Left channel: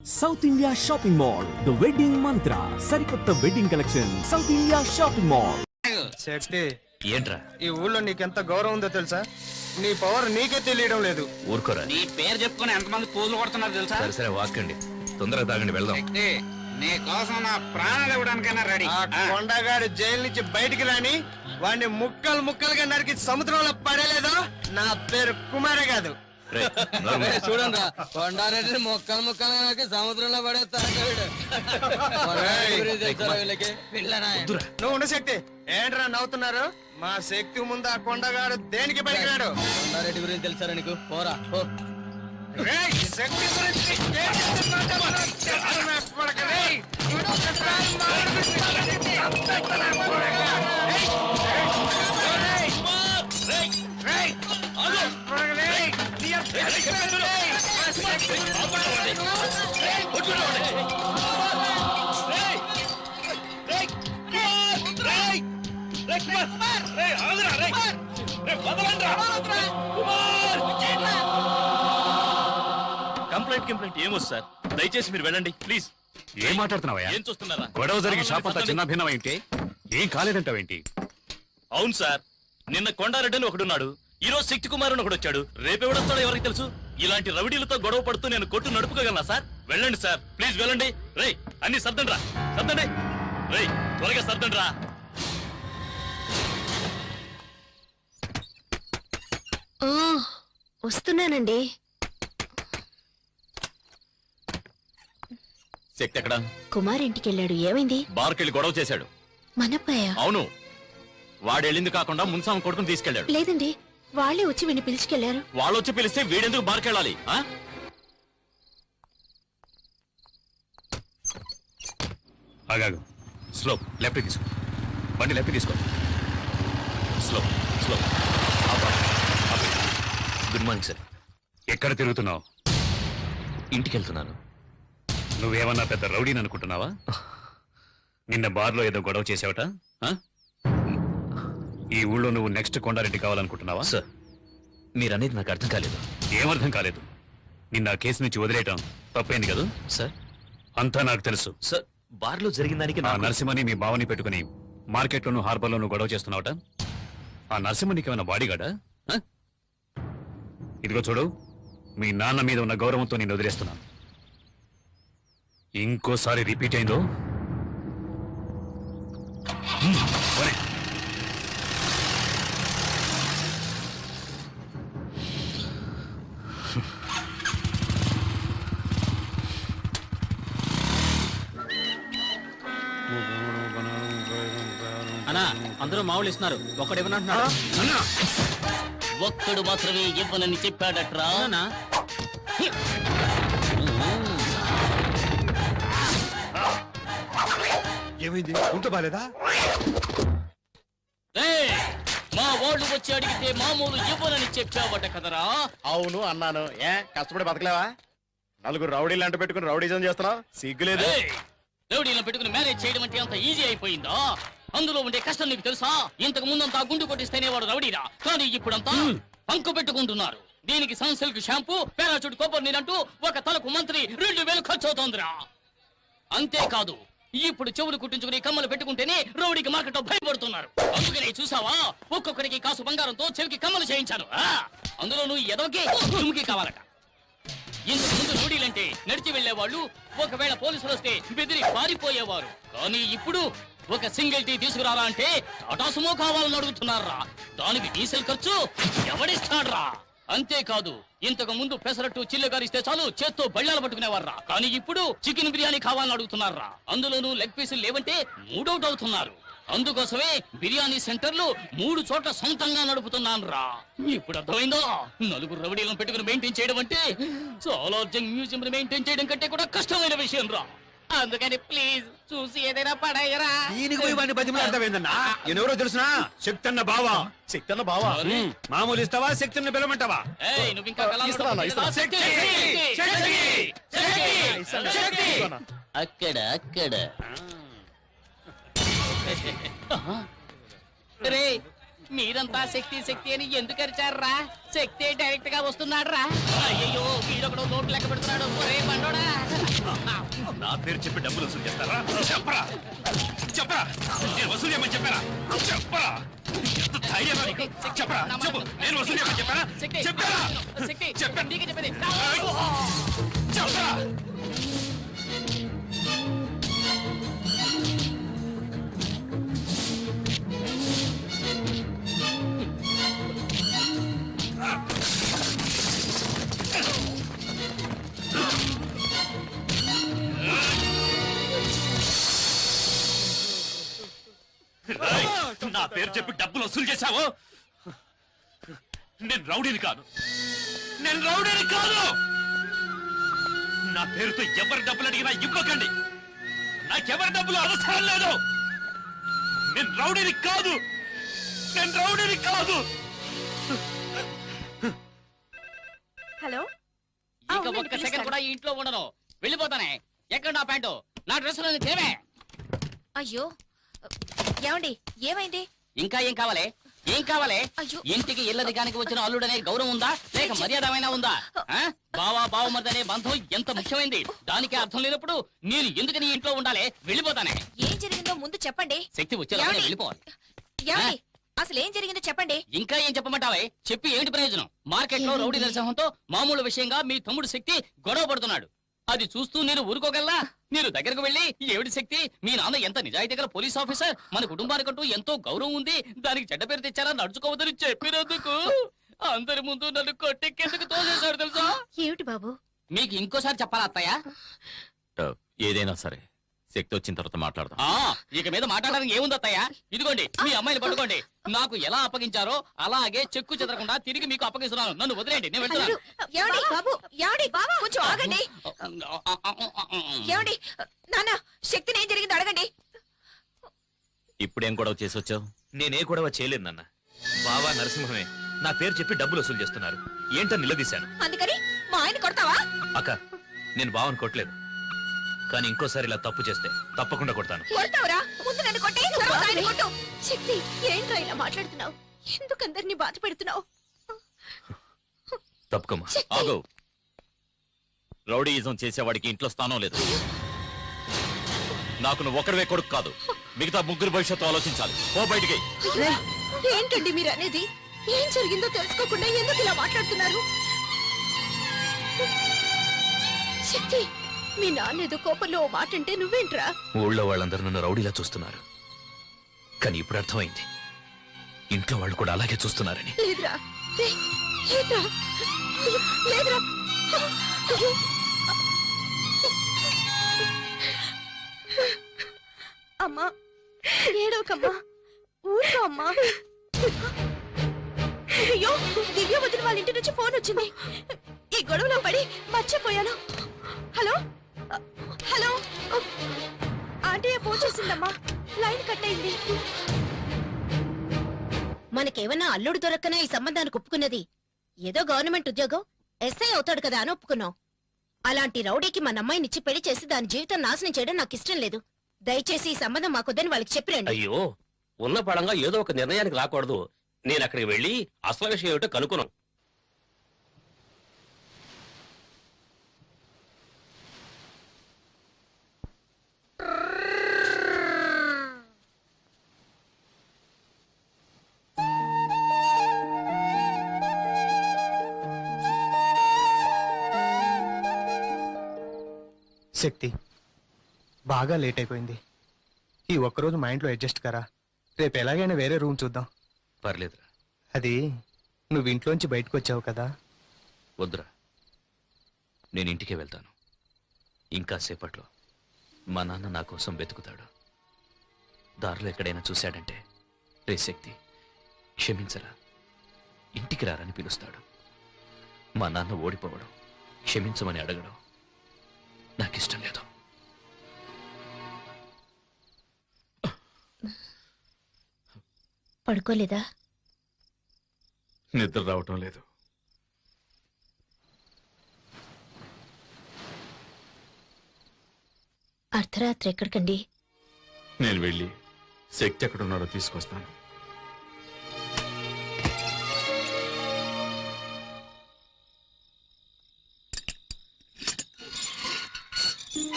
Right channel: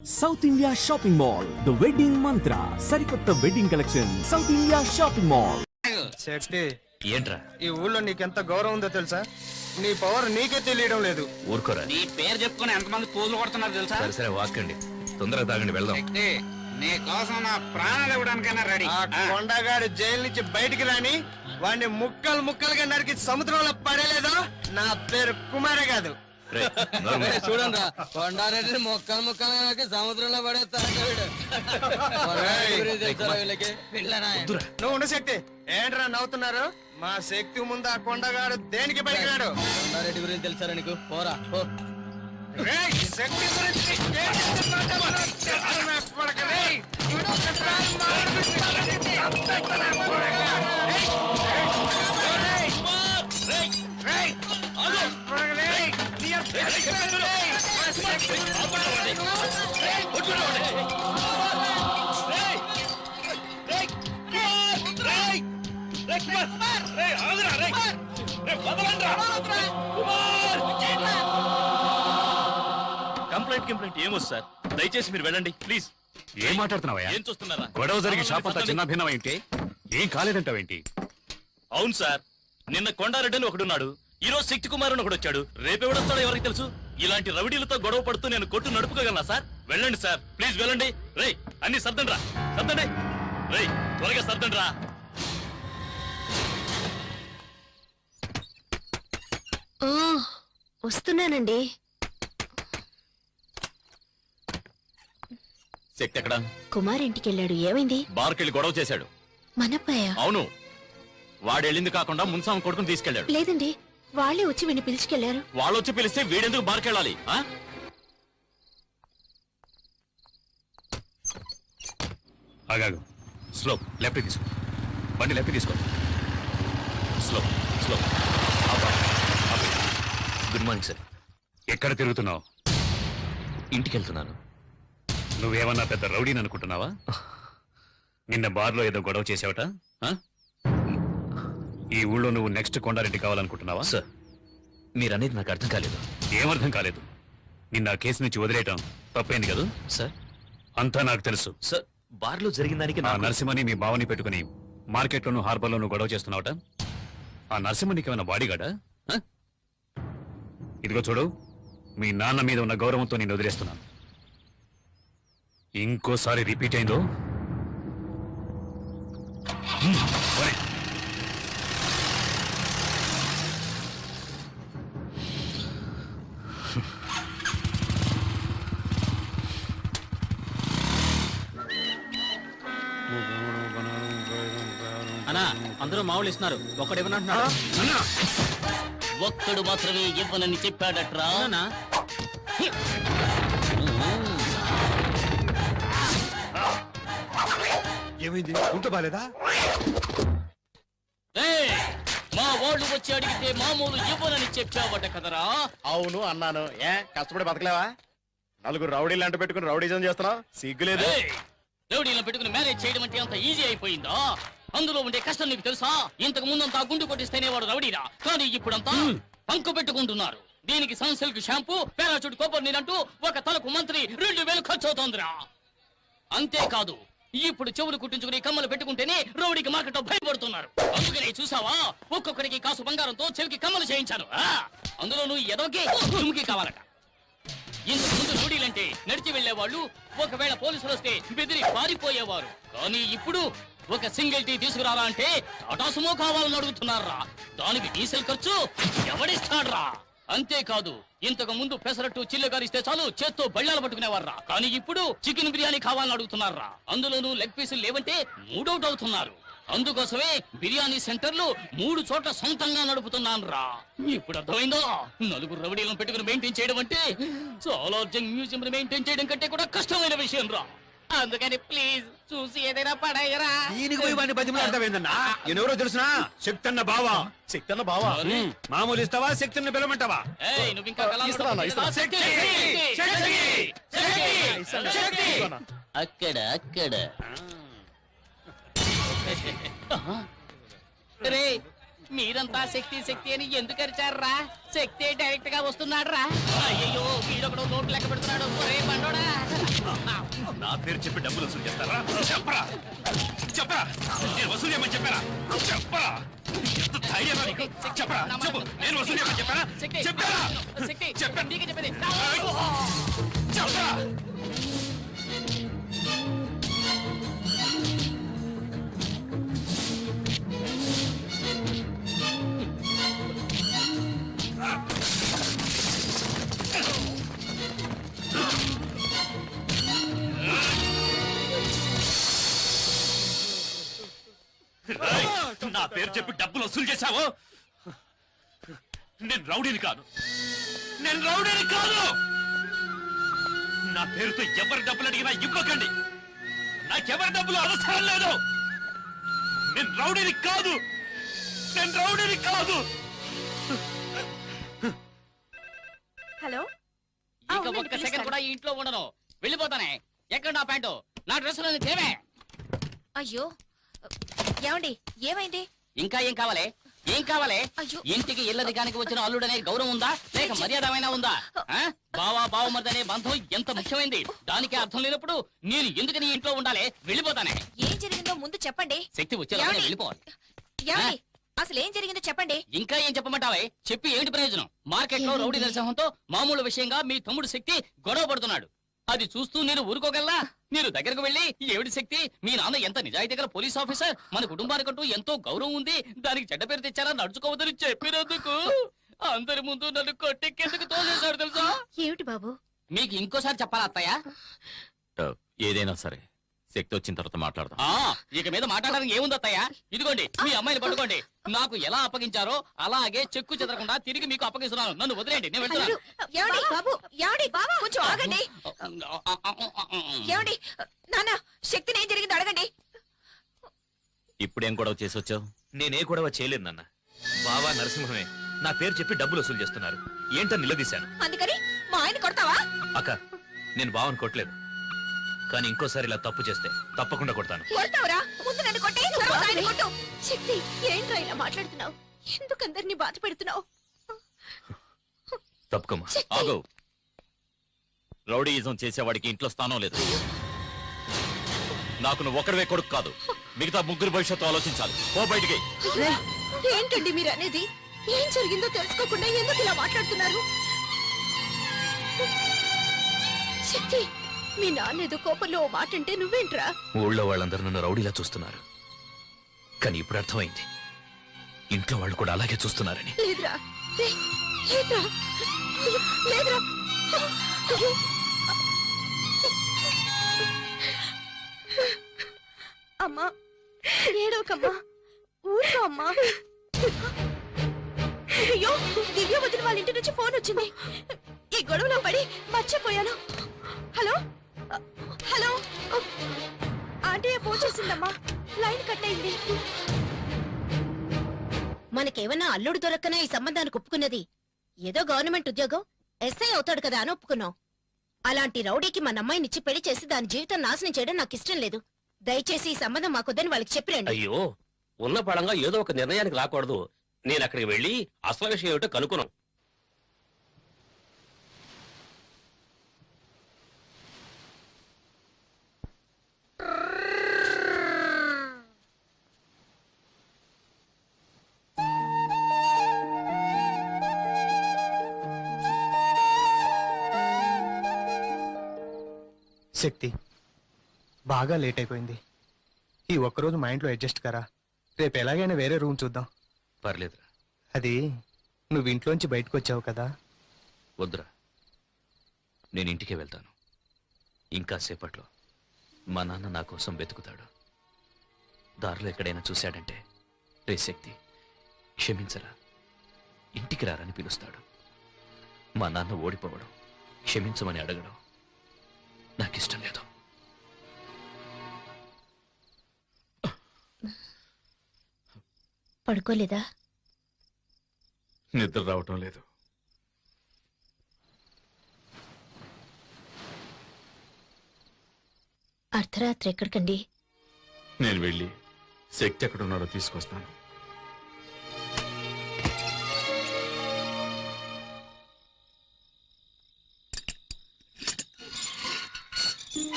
South India shopping mall the wedding Mantra సరికొత్త wedding collection South India shopping mall. శక్తి ఏంట్రా ఈ ఊళ్ళో నీకెంత గౌరవం ఉందో తెలుసా? నీ పవర్ నీకే తెలియడం లేదు. ఊరుకోరా. నీ పేరు చెప్పుకుని ఎంతమంది పూజలు కొడుతున్నారు తెలుసా? సరే సరే వాకండి, తొందరగా తాగండి, వెళ్దాం. శక్తి, నీ కోసం నా ప్రాణాలు ఇవ్వడానికైనా రెడీ. ఆ కొండగాడు జైలు నుంచి బయటికి రాని వాడిని ముక్కలు ముక్కలుగా నరికి సముద్రంలో పడేలేదా? నా పేరు కుమారే కాదు. రేయ్, నోరు మూయి. చూడండి, కొండారెడ్డి ముక్కలు ముక్కలుగా నరికి సముద్రంలో పడేస్తాడు. నువ్వు ఉండు శక్తి. ఏంట్రా నవ్వుతున్నారు? మా శక్తి ముందు ఆ కొండగాడు దేనికి పడిగాడు? కొండారెడ్డి గురించి తెలుసా నీకు? పోరా పో. శక్తి గురించి కంప్లైంట్ ఏమో సార్, దయచేసి మీరు వెళ్ళండి ప్లీజ్. ఏం మాట్లాడుతున్నావా? ఏం చూస్తున్నారా? గొడవ జరిగి షాప్ అంతా చిన్న భిన్నం ఏంటి? ఏం కాలేదంటావేంటి? అవును సార్, నిన్న కొండారెడ్డి అని ఒకడున్నాడు, ఈ రోజు శక్తి కుమార్ అని ఒకడు వచ్చాడు, రేపెవడొస్తాడో ఎవరికి తెలుసు? ఇలాంటి రౌడీలతో గొడవ పడుతూ నేను కొట్టు నడుపుకోగలనా సార్? వెళ్ళండి సార్ ప్లీజ్, వెళ్ళండి. రేయ్ అన్ని సర్దండి రా, సర్దండి. రేయ్ త్వరగా సర్దండి రా. వస్తున్నానండి. శక్తి ఎక్కడ? కుమార్ ఇంటికి వెళ్ళాడు. ఏమైంది? బార్కెళ్ళి గొడవ చేశాడు. మనప్పయ్య? అవును, వాడు వెళ్ళింది కాకుండా మున్సాం కొడుకుని తీసుకెళ్లాడు. లేదండి, వాళ్ళే వచ్చి వీడిని పిలుచుకెళ్లారు. వాళ్ళు వచ్చి పిలిస్తే వీడెందుకు బార్కెళ్ళాలి? ఆగాగు. స్లో, లెఫ్ట్ తీసుకో. బండి లెఫ్ట్ తీసుకో. Slow slow. Good morning sir. ఎక్కడ తిరుగుతున్నావు? ఇంటికి వెళ్తున్నాను. నువ్వేమన్నా పెద్ద రౌడీని అనుకుంటున్నావా? నిన్న బార్లో ఏదో గొడవ చేసావట. ఆ? ఈ ఊళ్ళో నువ్వు నెక్స్ట్ కొండారెడ్డి కావాలనుకుంటున్నావా? సార్, మీరనేది నాకు అర్థం కాలేదు. ఏమర్థం కాలేదు? నిన్న ఆ కేసు నుంచి వదిలేయటం తప్పైంది కదా? సార్ అంతా నాకు తెలుసు. సార్, బార్లో జరిగిన దానికి ఆ నరసింహని మీ బావని పెట్టుకుని మార్కెట్లోను హార్బర్లోను గొడవ చేస్తున్నావట. ఆ నరసింహ నీకేమైనా బాడీగాడా? ఇదిగో చూడు, మీ నాన్న మీద ఉన్న గౌరవంతో నేను వదిలేస్తున్నాను. ఇంకోసారి రిపీట్ అయిందో పోనీ. అన్నా, అందరూ మామూలు ఇస్తున్నారు, ఒక్కడు ఇవ్వనంటున్నాడు. ఒక్కడు మాత్రమే ఇవ్వనని చెప్పాడట్రా. ఏమైంది? ఉంటూ బాలేదా? మా వాళ్ళు వచ్చి అడిగితే మామూలు ఇవ్వనని చెప్పావట కదరా? అవును అన్నాను. కష్టపడి బతకలేవా? నలుగురు రౌడీలు అంట పెట్టుకుని రౌడీజం చేస్తున్నావు, సిగ్గులేదు? రౌడీలను పెట్టుకుని మ్యారేజ్ చేయడం అంటే అంత ఈజీ అయిపోయిందా? అందులో ఉండే కష్టం నీకు తెలుసా? ఇంతకు ముందంతా గుండు కొట్టిస్తేనే వాడు రౌడీరా, కానీ ఇప్పుడంతా అంకు పెట్టుకుంటున్నారు. దీనికి సన్సిల్క్ షాంపూ, పారాచూట్ కొబ్బరి నీరంటూ ఒక తలకు మంత్రి 2000 ఖర్చు అవుతోందిరా. అంతేకాదు, ఇప్పుడు చెవులు కుట్టించుకుని కమ్మలు పెట్టుకుంటేనే రౌడీకి మార్కెట్ భయపడుతున్నారు. అందుకనే చూసావా, ఒక్కొక్కడికి కాసు బంగారంతో చెవికి కమ్మలు చేయించాను. అందులో నువ్వు ఎదోకి తుమ్కి కావాలట. ఇంతకు ముందు రౌడీలంటే నడిచి వెళ్లేవాళ్ళు, ఒకవేళ పోలీసులు వస్తే బెదిరి పారిపోయేవారు. కానీ ఇప్పుడు ఒక సింగిల్ టీ తీసుకురారా అంటే అటాసుమో కావాలని అడుగుతున్నారా. దానికి డీజిల్ ఖర్చు ఎవడిస్తాడ్రా? అంతేకాదు, ఇంతకు ముందు పెసరట్టు చిల్లుగారిస్తే చాలు చేత్తో బళ్ళాలు పట్టుకునేవారా, కానీ ఇప్పుడు చికెన్ బిర్యానీ కావాలని అడుగుతున్నారా. అందులోనూ లెగ్ పీసులు లేవంటే మూడౌట్ అవుతున్నారు. అందుకోసమే బిర్యానీ సెంటర్లు 3 చోట్ల సొంతంగా నడుపుతున్నాను రా. ఇప్పుడు అర్థమైందో? నలుగురు రౌడీలను పెట్టుకుని మెయింటైన్ చేయడం అంటే చాలా మ్యూజియం మెయింటైన్ చేయడం కంటే కూడా కష్టమైన విషయం రా. అందుకని ప్లీజ్ చూసి ఏదైనా పడాయరా. దీనికి పోయి వాడిని బతిమలాడతావేందన్నా? ఎవరో తెలుసునా? శక్తన్న బావా. శక్తన్న బావా? మామూలు ఇస్తావా? శక్తిని పిలవమంటావా? నువ్వు ఇంకా అక్కడ అక్కడ రే, మీరంతా శక్తి శక్తి అని ఎందుకు అరిచారా? శక్తి డైరెక్ట్ గా వస్తున్నాడు రా. అయ్యో, వీడొకడు నోట్లు లెక్క పెడుతున్నాడు. ఒరే బండోడా. నా పేరు చెప్పి డబ్బులు వసూలు చేస్తారా? చెప్పరా చెప్పరా, నేను వసూలు చేయమని చెప్పారా? చెప్పరా, ఎంత ధైర్యం నీకు? చెప్పరా, చెప్పు, నేను వసూలు చేయమని చెప్పారా? చెప్పారా? చెప్పాను. చెప్పరా? నా పేరు చెప్పి డబ్బులు వసూలు చేశావు. నేను రౌడీని కాదు, నేను రౌడీని కాదు. నా పేరుతో ఎవరి డబ్బులు అడిగినా ఇవ్వకండి. నాకెవరి డబ్బులు అవసరం లేదు. నేను రౌడీని కాదు, నేను రౌడీని కాదు. హలో ఇక ఒక్క సెకండ్ కూడా ఈ ఇంట్లో ఉండను. వెళ్ళిపోతానే. ఎక్కడ నా ప్యాంటు, నా డ్రెస్సులో తేవే. అయ్యో ఏమండి ఏమైంది? ఇంకా ఏం కావాలి? ఏం కావాలి? అయ్యో. ఇంటికి ఇల్లరికానికి వచ్చిన అల్లుడనే గౌరవం ఉందా, లేక మర్యాదమైనా ఉందా? ఆ? బావా బావమర్దనే బంధం ఎంత ముఖ్యమైంది. దానికి అర్థం లేనప్పుడు నేను ఎందుకని ఈ ఇంట్లో ఉండాలి? వెళ్ళిపోతానే. ఏం జరిగిందో ముందు చెప్పండి. శక్తి వచ్చేలా ఏమండి? వెళ్ళిపోవాలి. ఏమండి అసలు ఏం జరిగిందో చెప్పండి. ఇంకా ఏం చెప్పమంటావే? చెప్పి ఏంటి ప్రయోజనం? మార్కెట్ లో రౌడీ నరసింహంతో మామూలు విషయంగా మీ తమ్ముడు శక్తి గొడవ పడుతున్నాడు. అది చూస్తూ నేను ఊరుకోగలనా? మీరు దగ్గరకు వెళ్ళి ఏమిటి శక్తి, మీ నాన్న ఎంత నిజాయితీ గల పోలీస్ ఆఫీసర్, మన కుటుంబానికంటూ ఎంతో గౌరవం ఉంది, దానికి చెడ్డ పేరు తెచ్చారా, నడుచుకోవద్దని చెప్పినందుకు అందరి ముందు నన్ను కొట్టెక్కేందుకు తోసేశాడు తెలుసా? ఏమిటి బాబు? మీకు ఇంకోసారి చెప్పాలా అత్తయ్య? ఏదైనా సరే శక్తి వచ్చిన తర్వాత మాట్లాడదాం. ఇక మీద మాట్లాడడానికి ఏముంది అత్తయ్య? ఇదిగోండి మీ అమ్మాయిని పట్టుకోండి. నాకు ఎలా అప్పగించారో అలాగే చెక్కు చెదరకుండా తిరిగి మీకు అప్పగిస్తున్నాను. నన్ను వదిలేండి, నేను వెళ్తున్నాను. ఏమండి బాబు, ఏమండి కొంచెం ఆగండి. ఏమండి నాన్న, శక్తిని ఏం జరిగిందో అడగండి. ఇప్పుడేం గొడవ చేసి వచ్చావు? నేనే గొడవ చేయలేదు నాన్న. బావా నరసింహమే నా పేరు చెప్పి డబ్బులు వసూలు చేస్తున్నారు. ఏంటని నిలదీశాను. అందుకని మా ఆయన కొడతావా? అక్క, నేను బావని కొట్టలేదు, కానీ ఇంకోసారి ఇలా తప్పు చేస్తే తప్పకుండా కొడతాను. కొడతావరా? ముందు నన్ను కొట్టి తర్వాత ఆయన కొట్టు. శక్తి ఏంట్రా ఇలా మాట్లాడుతున్నావు? ఎందుకు అందరినీ బాధ పెడుతున్నావు? తప్పుకోమా. ఆగు. రౌడీయిజం చేసేవాడికి ఇంట్లో స్థానం లేదు. నాకు నువ్వు ఒకరివే కొడుకు కాదు, మిగతా ముగ్గురు భవిష్యత్తు ఆలోచించాలి. ఓ బయటికి. ఏంటండి మీరు అనేది? ఏం జరిగిందో తెలుసుకోకుండా ఎందుకు ఇలా మాట్లాడుతున్నారు? శక్తి, మీ నాన్న ఏదో కోపంలో ఓ మాట అంటే నువ్వేంట్రా? ఊళ్ళో వాళ్ళందరూ నన్ను రౌడీలా చూస్తున్నారు, కానీ ఇప్పుడు అర్థమైంది ఇంట్లో వాళ్ళు కూడా అలాగే చూస్తున్నారని. లేదురా, లేదురా, లేదురా. అమ్మా ఏడవకమ్మా, ఊరుకో అమ్మా. అయ్యో, దివ్య వదిన వాళ్ళ ఇంటి నుంచి ఫోన్ వచ్చింది. ఈ గొడవలో పడి మర్చిపోయాను. హలో హలో, ఆంటీ ఫోన్ చేసిందమ్మా, లైన్ కట్ అయింది. మనకేమన్నా అల్లుడు దొరక్కనే ఈ సంబంధానికి ఒప్పుకున్నది? ఏదో గవర్నమెంట్ ఉద్యోగం, ఎస్ఐ అవుతాడు కదా అని ఒప్పుకున్నాం. అలాంటి రౌడీకి మన అమ్మాయినిచ్చి పెళ్లి చేసి దాని జీవితం నాశనం చేయడం నాకు ఇష్టం లేదు. దయచేసి ఈ సంబంధం మాకొద్దని వాళ్ళకి చెప్పిరండి. అయ్యో, ఉన్న పడంగా ఏదో ఒక నిర్ణయానికి రాకూడదు. నేను అక్కడికి వెళ్ళి అసలు విషయం ఏమిటో కనుక్కున్నాం. శక్తి, బాగా లేట్ అయిపోయింది. ఈ ఒక్కరోజు మా ఇంట్లో అడ్జస్ట్ కరా. రేపు ఎలాగైనా వేరే రూమ్ చూద్దాం. పర్లేదురా. అది నువ్వు ఇంట్లోంచి బయటకు వచ్చావు కదా. వద్దురా, నేను ఇంటికే వెళ్తాను. ఇంకా సేపట్లో మా నాన్న నా కోసం వెతుకుతాడు. దారిలో ఎక్కడైనా చూశాడంటే, రే శక్తి క్షమించరా, ఇంటికి రారని పిలుస్తాడు. మా నాన్న ఓడిపోవడం, క్షమించమని అడగడం నాకిష్టం లేదు. పడుకోలేదా? నిద్ర రావటం లేదు. అర్ధరాత్రి ఎక్కడికండి? నేను వెళ్ళి శక్తి ఎక్కడున్నాడో తీసుకొస్తాను.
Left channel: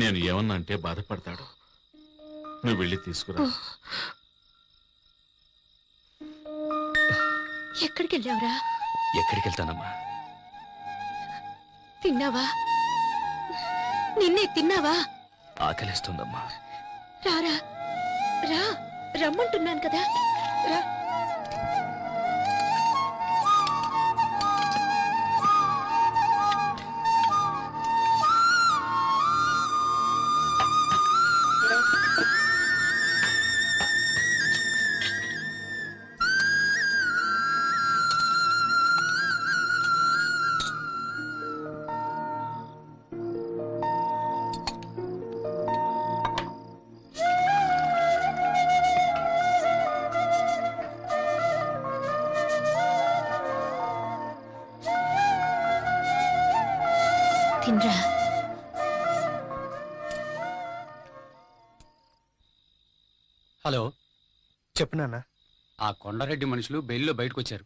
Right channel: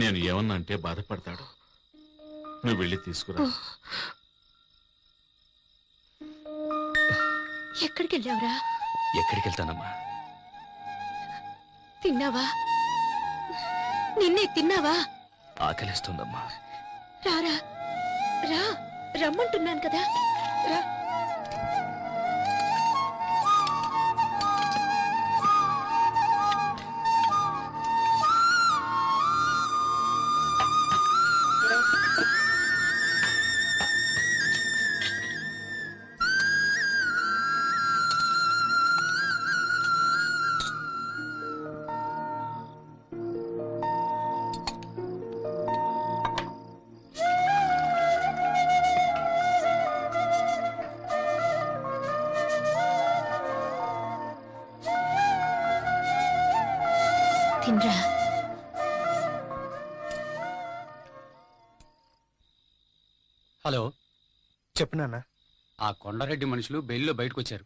నేను ఏమన్నా అంటే బాధపడతాడు. నువ్వు వెళ్ళి తీసుకురా. ఎక్కడికి వెళ్ళావురా? ఎక్కడికి వెళ్తానమ్మా? తిన్నావా? నిన్నే తిన్నావా? ఆకలిస్తుందమ్మా. రారా, రా, రమ్మంటున్నాను కదా, రా. తినరా. హలో, చెప్పు నాన్న. ఆ కొండారెడ్డి మనుషులు బెయిల్లో బయటకు వచ్చారు.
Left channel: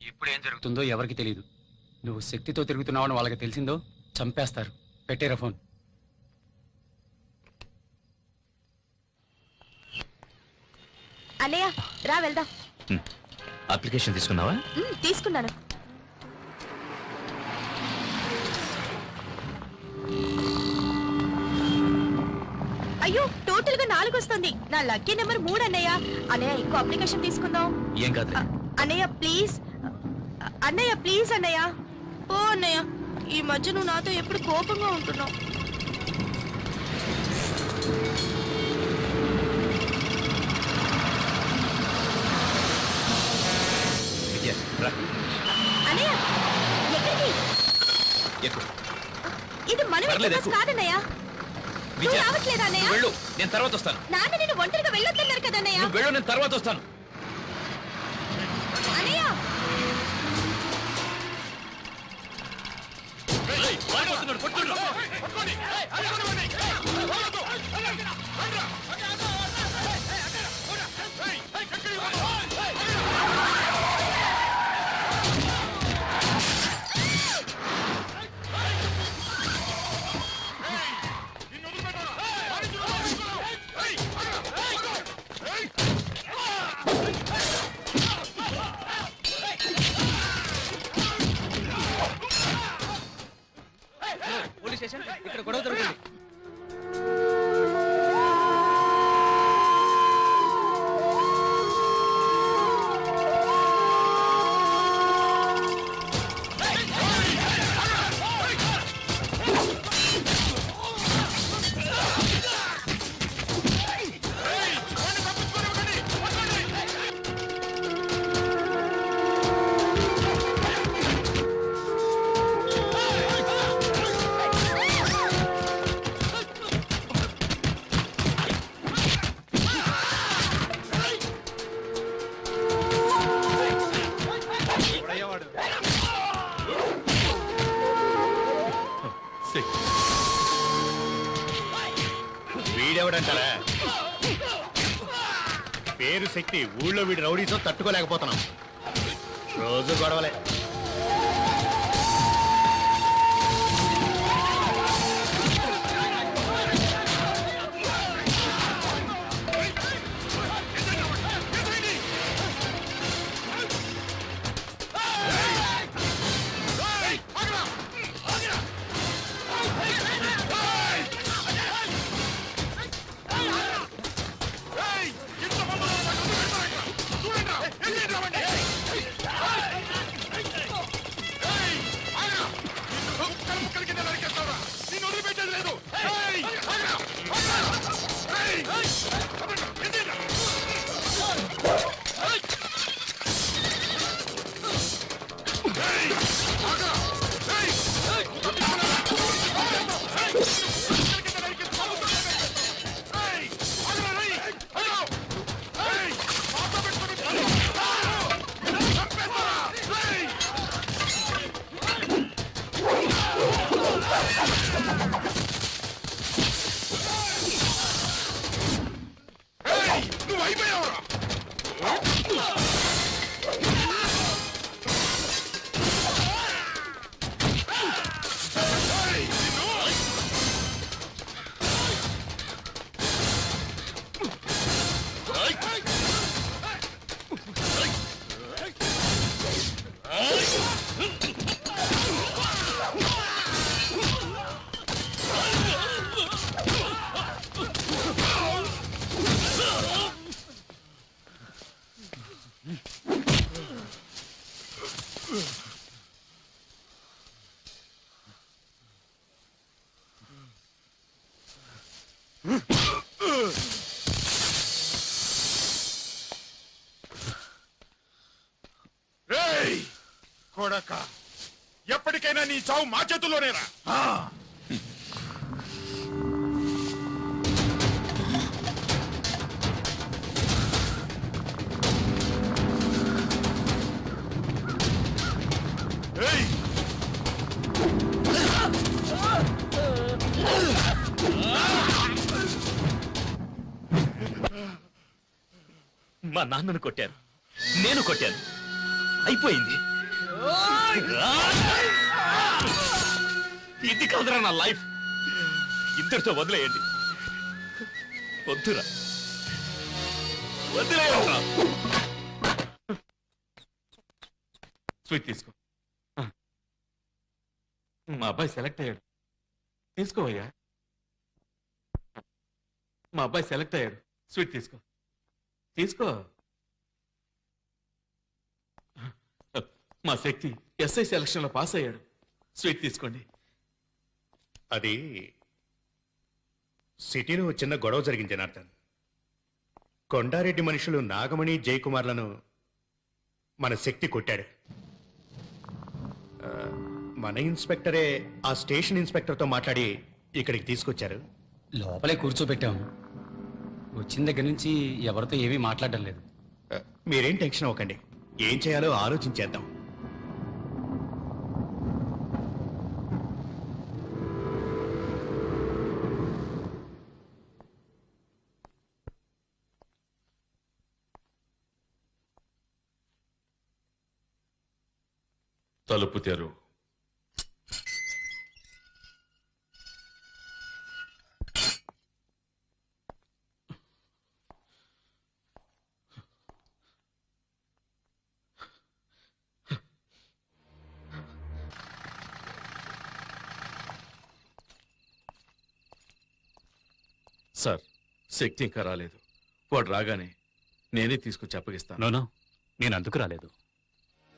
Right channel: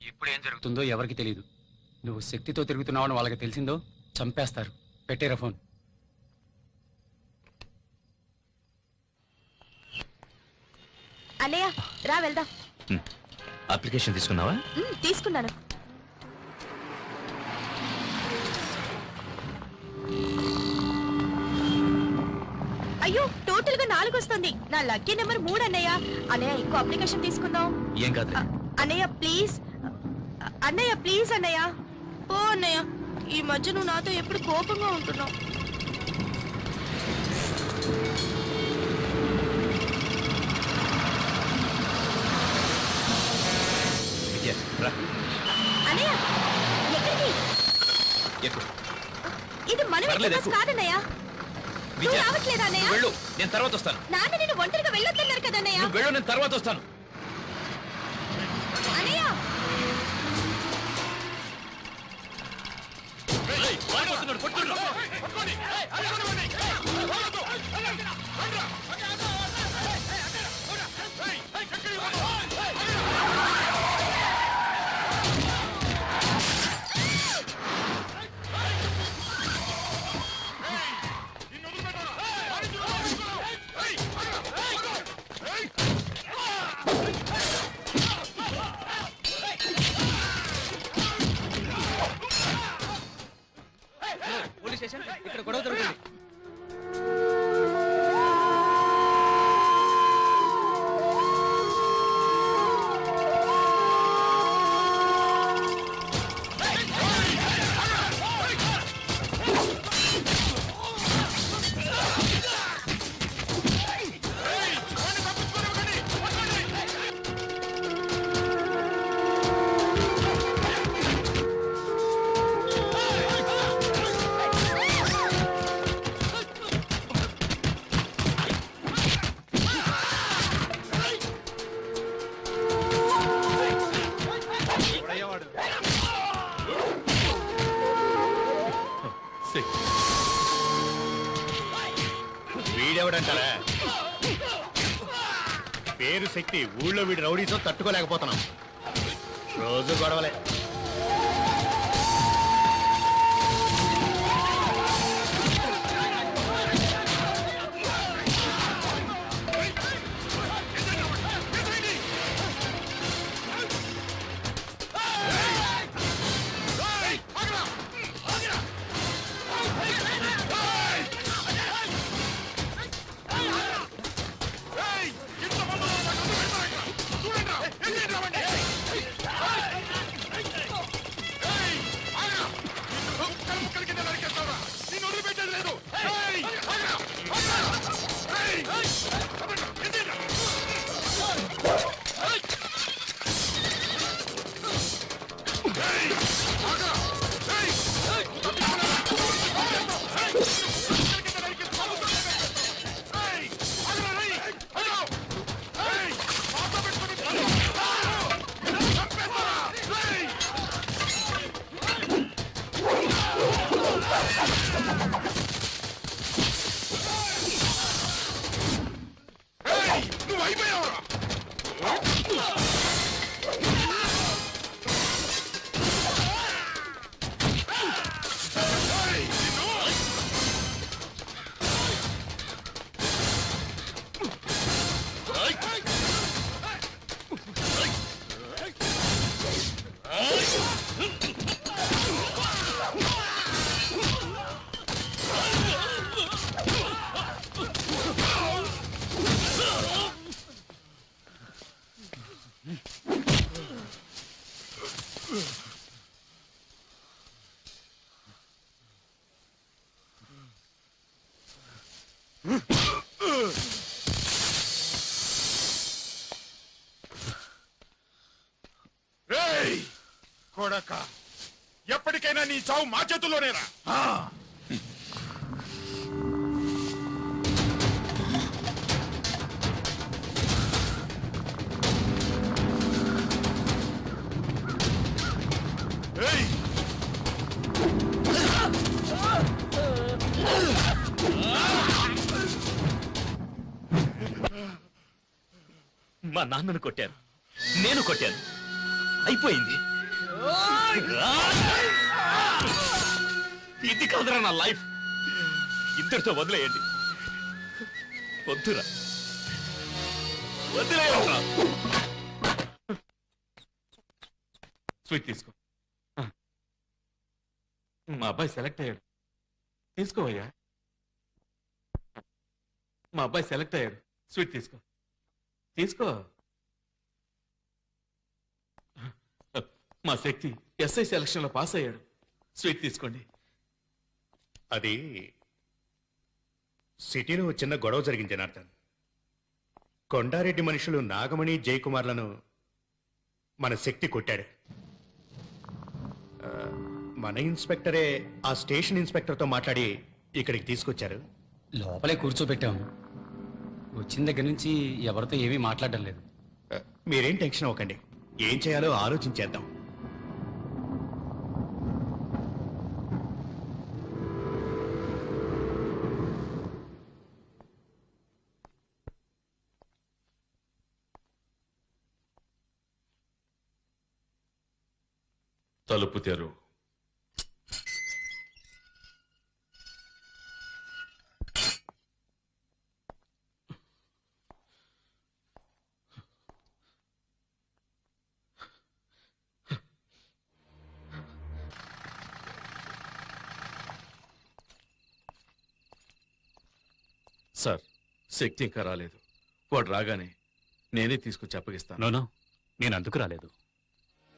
ఇప్పుడు ఏం జరుగుతుందో ఎవరికి తెలియదు. నువ్వు శక్తితో తిరుగుతున్నావని వాళ్ళకి తెలిసిందో చంపేస్తారు. పెట్టేరా ఫోన్. అన్నయ్య, రా వెళ్దాం. అప్లికేషన్ తీసుకున్నావా? తీసుకున్నాను. అయ్యో, టోటల్ గా 4 వస్తుంది. నా లక్కీ నెంబర్ 3 అన్నయ్య. అన్నయ్య, ఇంకో అప్లికేషన్ తీసుకుందాం. ఏం కాదు. అన్నయ్య ప్లీజ్, అన్నయ్య ప్లీజ్ అన్నయ్య. ఓ అన్నయ్య, ఈ మధ్య నువ్వు నాతో ఎప్పుడు కోపంగా ఉంటున్నావు. అన్నయ్య, ఎక్కడికి? ఇది మన కాదన్నయ్య. నువ్వు రావట్లేదా అన్నయ్య? వెళ్ళు, నేను తర్వాత వస్తాను. నాన్న నేను ఒంటరిగా వెళ్ళొద్దన్నారు కదా అన్నయ్య. వెళ్ళు, నేను తర్వాత వస్తాను. అన్నయ్య, ఇక్కడ గొడవ జరుగుతుంది. వీడెవడంటారా? పేరు శక్తి. ఊళ్ళో వీడు రౌడీతో తట్టుకోలేకపోతున్నాం. రోజు గొడవలే. కొడక ఎప్పటికైనా నీ చావు మా చేతుల్లోనేరా. ఏయ్! మా నాన్నను కొట్టారు, నేను కొట్టాను, అయిపోయింది. ఇది కాదురా నా లైఫ్. ఇద్దరితో వదిలేయండి. వద్దురా, వదిలేయరా. స్వీట్ తీసుకో. మా అబ్బాయి సెలెక్ట్ అయ్యాడు, తీసుకోవయ్యా. మా అబ్బాయి సెలెక్ట్ అయ్యాడు, స్వీట్ తీసుకో, తీసుకో. మా శక్తి ఎస్ఐ సెలక్షన్ లో పాస్ అయ్యాడు, స్వీట్ తీసుకోండి. అది సిటీలో చిన్న గొడవ జరిగింది జనార్దన్. కొండారెడ్డి మనుషులు నాగమణి జయకుమార్లను మన శక్తి కొట్టాడు. మన ఇన్స్పెక్టరే ఆ స్టేషన్ ఇన్స్పెక్టర్తో మాట్లాడి ఇక్కడికి తీసుకొచ్చారు. లోపలే కూర్చోబెట్టాం. వచ్చిన దగ్గర నుంచి ఎవరితో ఏమీ మాట్లాడడం లేదు. మీరేం టెన్షన్ అవ్వకండి, ఏం చేయాలో ఆలోచించేద్దాం. తలుపు తెరు. సార్, శక్తి ఇంకా రాలేదు. వాడు రాగానే నేనే తీసుకొచ్చి అప్పగిస్తాను. నోనో, నేను అందుకు రాలేదు.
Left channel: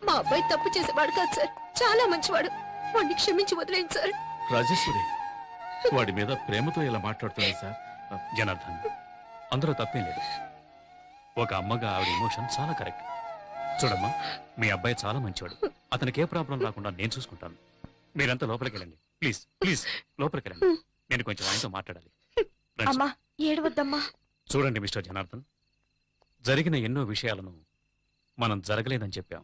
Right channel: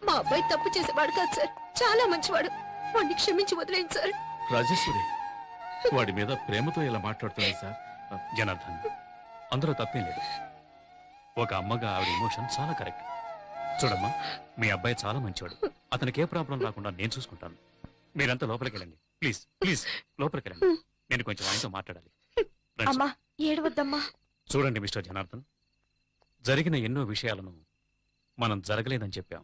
మా అబ్బాయి తప్పు చేసేవాడు కాదు సార్, చాలా మంచివాడు. వాడిని క్షమించి వదిలేండి సార్. రాజేశ్వరి వాడి మీద ప్రేమతో ఇలా మాట్లాడుతుంది సార్. జనార్దన్, అందులో తప్పేం లేదు. ఒక అమ్మగా ఆవిడ ఎమోషన్ చాలా కరెక్ట్. చూడమ్మా, మీ అబ్బాయి చాలా మంచివాడు. అతనికి ఏ ప్రాబ్లం రాకుండా నేను చూసుకుంటాను. మీరంతా లోపలికి వెళ్ళండి, ప్లీజ్ ప్లీజ్, లోపలికి వెళ్ళండి. నేను కొంచెం ఆయనతో మాట్లాడాలి. రండి. అమ్మా ఏడవద్దమ్మా. చూడండి మిస్టర్ జనార్దన్, జరిగిన ఎన్నో విషయాలను మనం జరగలేదని చెప్పాం.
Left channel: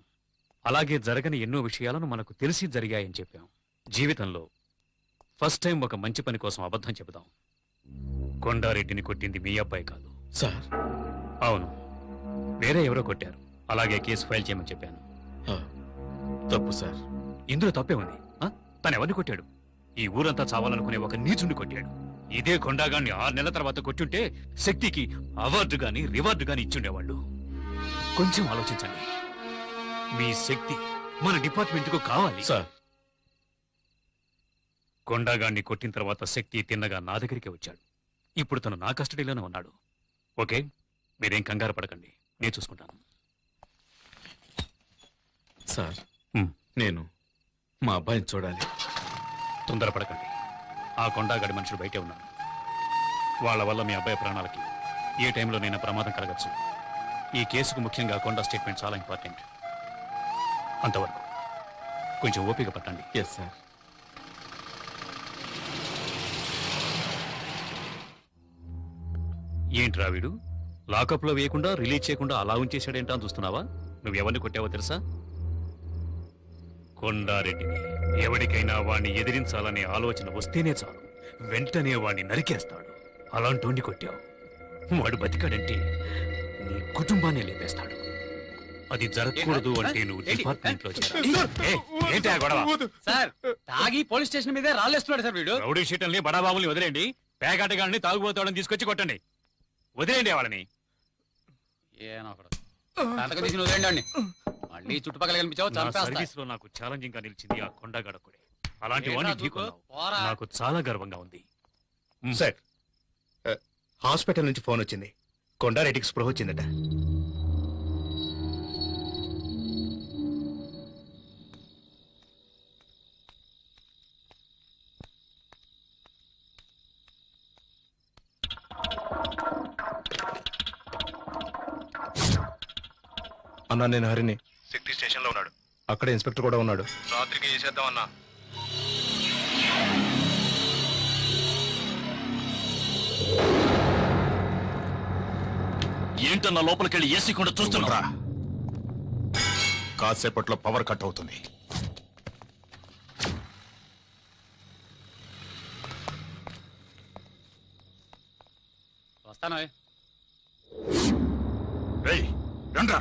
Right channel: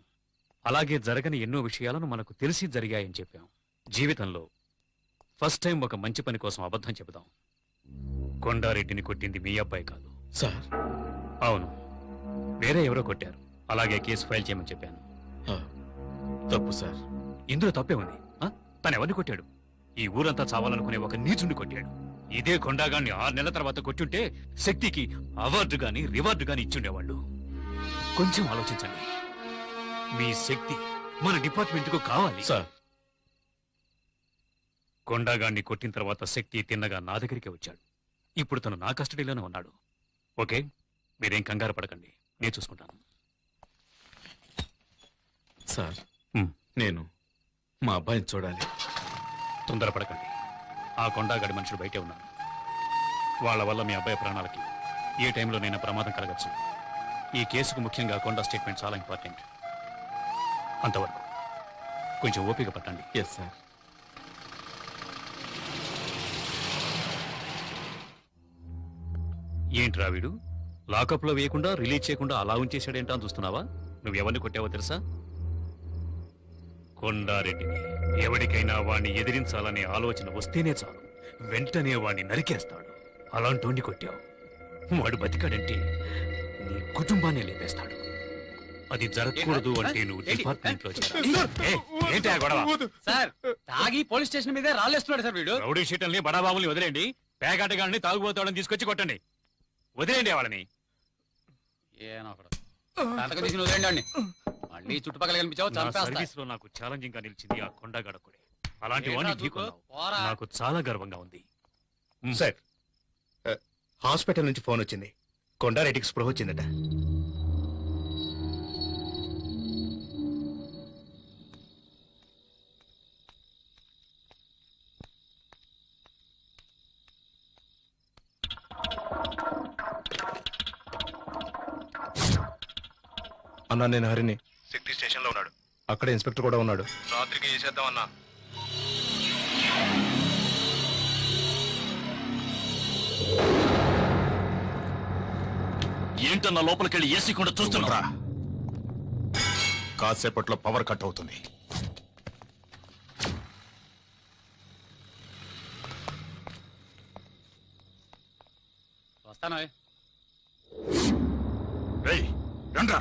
అలాగే జరగని ఎన్నో విషయాలను మనకు తెలిసి జరిగాయని చెప్పాం. జీవితంలో ఫస్ట్ టైం ఒక మంచి పని కోసం అబద్ధం చెబుదాం. కొండారెడ్డిని కొట్టింది మీ అబ్బాయి కాదు సార్. అవును, వేరే ఎవరో కొట్టారు. అలాగే కేసు ఫైల్ చేయమని చెప్పాను. తప్పు సార్. ఇందులో తప్పే ఉంది. తను ఎవరిని కొట్టాడు? ఈ ఊరంతా చావాలనుకునే ఒక నీచుని కొట్టాడు. ఇదే కొండాగాన్ని 6 నెలల తర్వాత కొట్టుంటే శక్తికి అవార్డు గాని రివార్డు గాని ఇచ్చుండేవాళ్ళు. కొంచెం ఆలోచించండి. మీ శక్తి మన డిపార్ట్మెంట్ కు కావాలి సార్. కొండాగాన్ని కొట్టిన తర్వాత శక్తి తిన్నగా నా దగ్గరికి వచ్చాడు. ఇప్పుడు తను నా కస్టడీలోనే ఉన్నాడు. ఓకే, మీరేం కంగారు పడకండి, నేను చూసుకుంటాను. సార్, నేను మా అబ్బాయిని చూడాలి. తొందరపడకండి. ఆ కొండాగడి మనుషులు బయటే ఉన్నారు. వాళ్ళ వల్ల మీ అబ్బాయి ప్రాణాలకి ఏ టైంలోనైనా ప్రమాదం కలగచ్చు. ఈ కేసుకు ముఖ్యంగా కొండా స్టేట్మెంట్ చాలా ఇంపార్టెంట్. అంతవరకు కొంచెం ఓపిక పట్టండి. Yes sir. ఏంట్రా వీడు లాకప్ లో వేయకుండా రిలీజ్ చేయకుండా అలా ఉంచేశాడేంటా అని చూస్తున్నావా? నువ్వెవరిని కొట్టావో తెలుసా? కొండారెడ్డిని. ఎవరికైనా వాణ్ణి ఎదిరించాలనే ఆలోచన వస్తేనే చాలు, వెంటనే వాణ్ణి నరికేస్తాడు. అలాంటి కొట్టావు, వాడు బతికాడంటే నీ కుటుంబాన్ని లేపేస్తాడు. అది జరగకూడదు అంటే నువ్వు డిపార్ట్మెంట్ లో ఏంటి గొడవ? సార్, తాగి పోలీస్ స్టేషన్ మీదే రాళ్ళేస్తున్నాడు సార్ వీడు. రౌడీ షీటల్ని బడాబాబుల్ని వదిలేండి. పేకాటగాళ్ళని తాగుబోతాడని తీసుకొచ్చి కొట్టండి. వదిలేండి వాళ్ళని. వదిలేండి. మళ్ళీ చుట్టుపక్కల కనిపించావు సర్వీస్ లో నాకు ఛాలెంజింగ్ గా నిలిచింది ఆ కొండగడకుడే. అలాంటి వాడిని ఢీకొన్నావు. నాకు చాలా గర్వంగా ఉంది. సార్, హాస్పిటల్ నుంచి ఫోన్ వచ్చింది. కొండారెడ్డికి స్పృహ వచ్చిందట. అన్నా నేను హరిని. శక్తి స్టేషన్ లో ఉన్నాడు. అక్కడ ఇన్స్పెక్టర్ కూడా ఉన్నాడు. రాత్రికి చేసేద్దాం అన్నా. ఏంటన్నా లోపలికెళ్ళి ఏసీ కూడా చూస్తున్నా. కాసేపట్లో పవర్ కట్ అవుతుంది. వస్తాను. రేయ్, రండ్రా.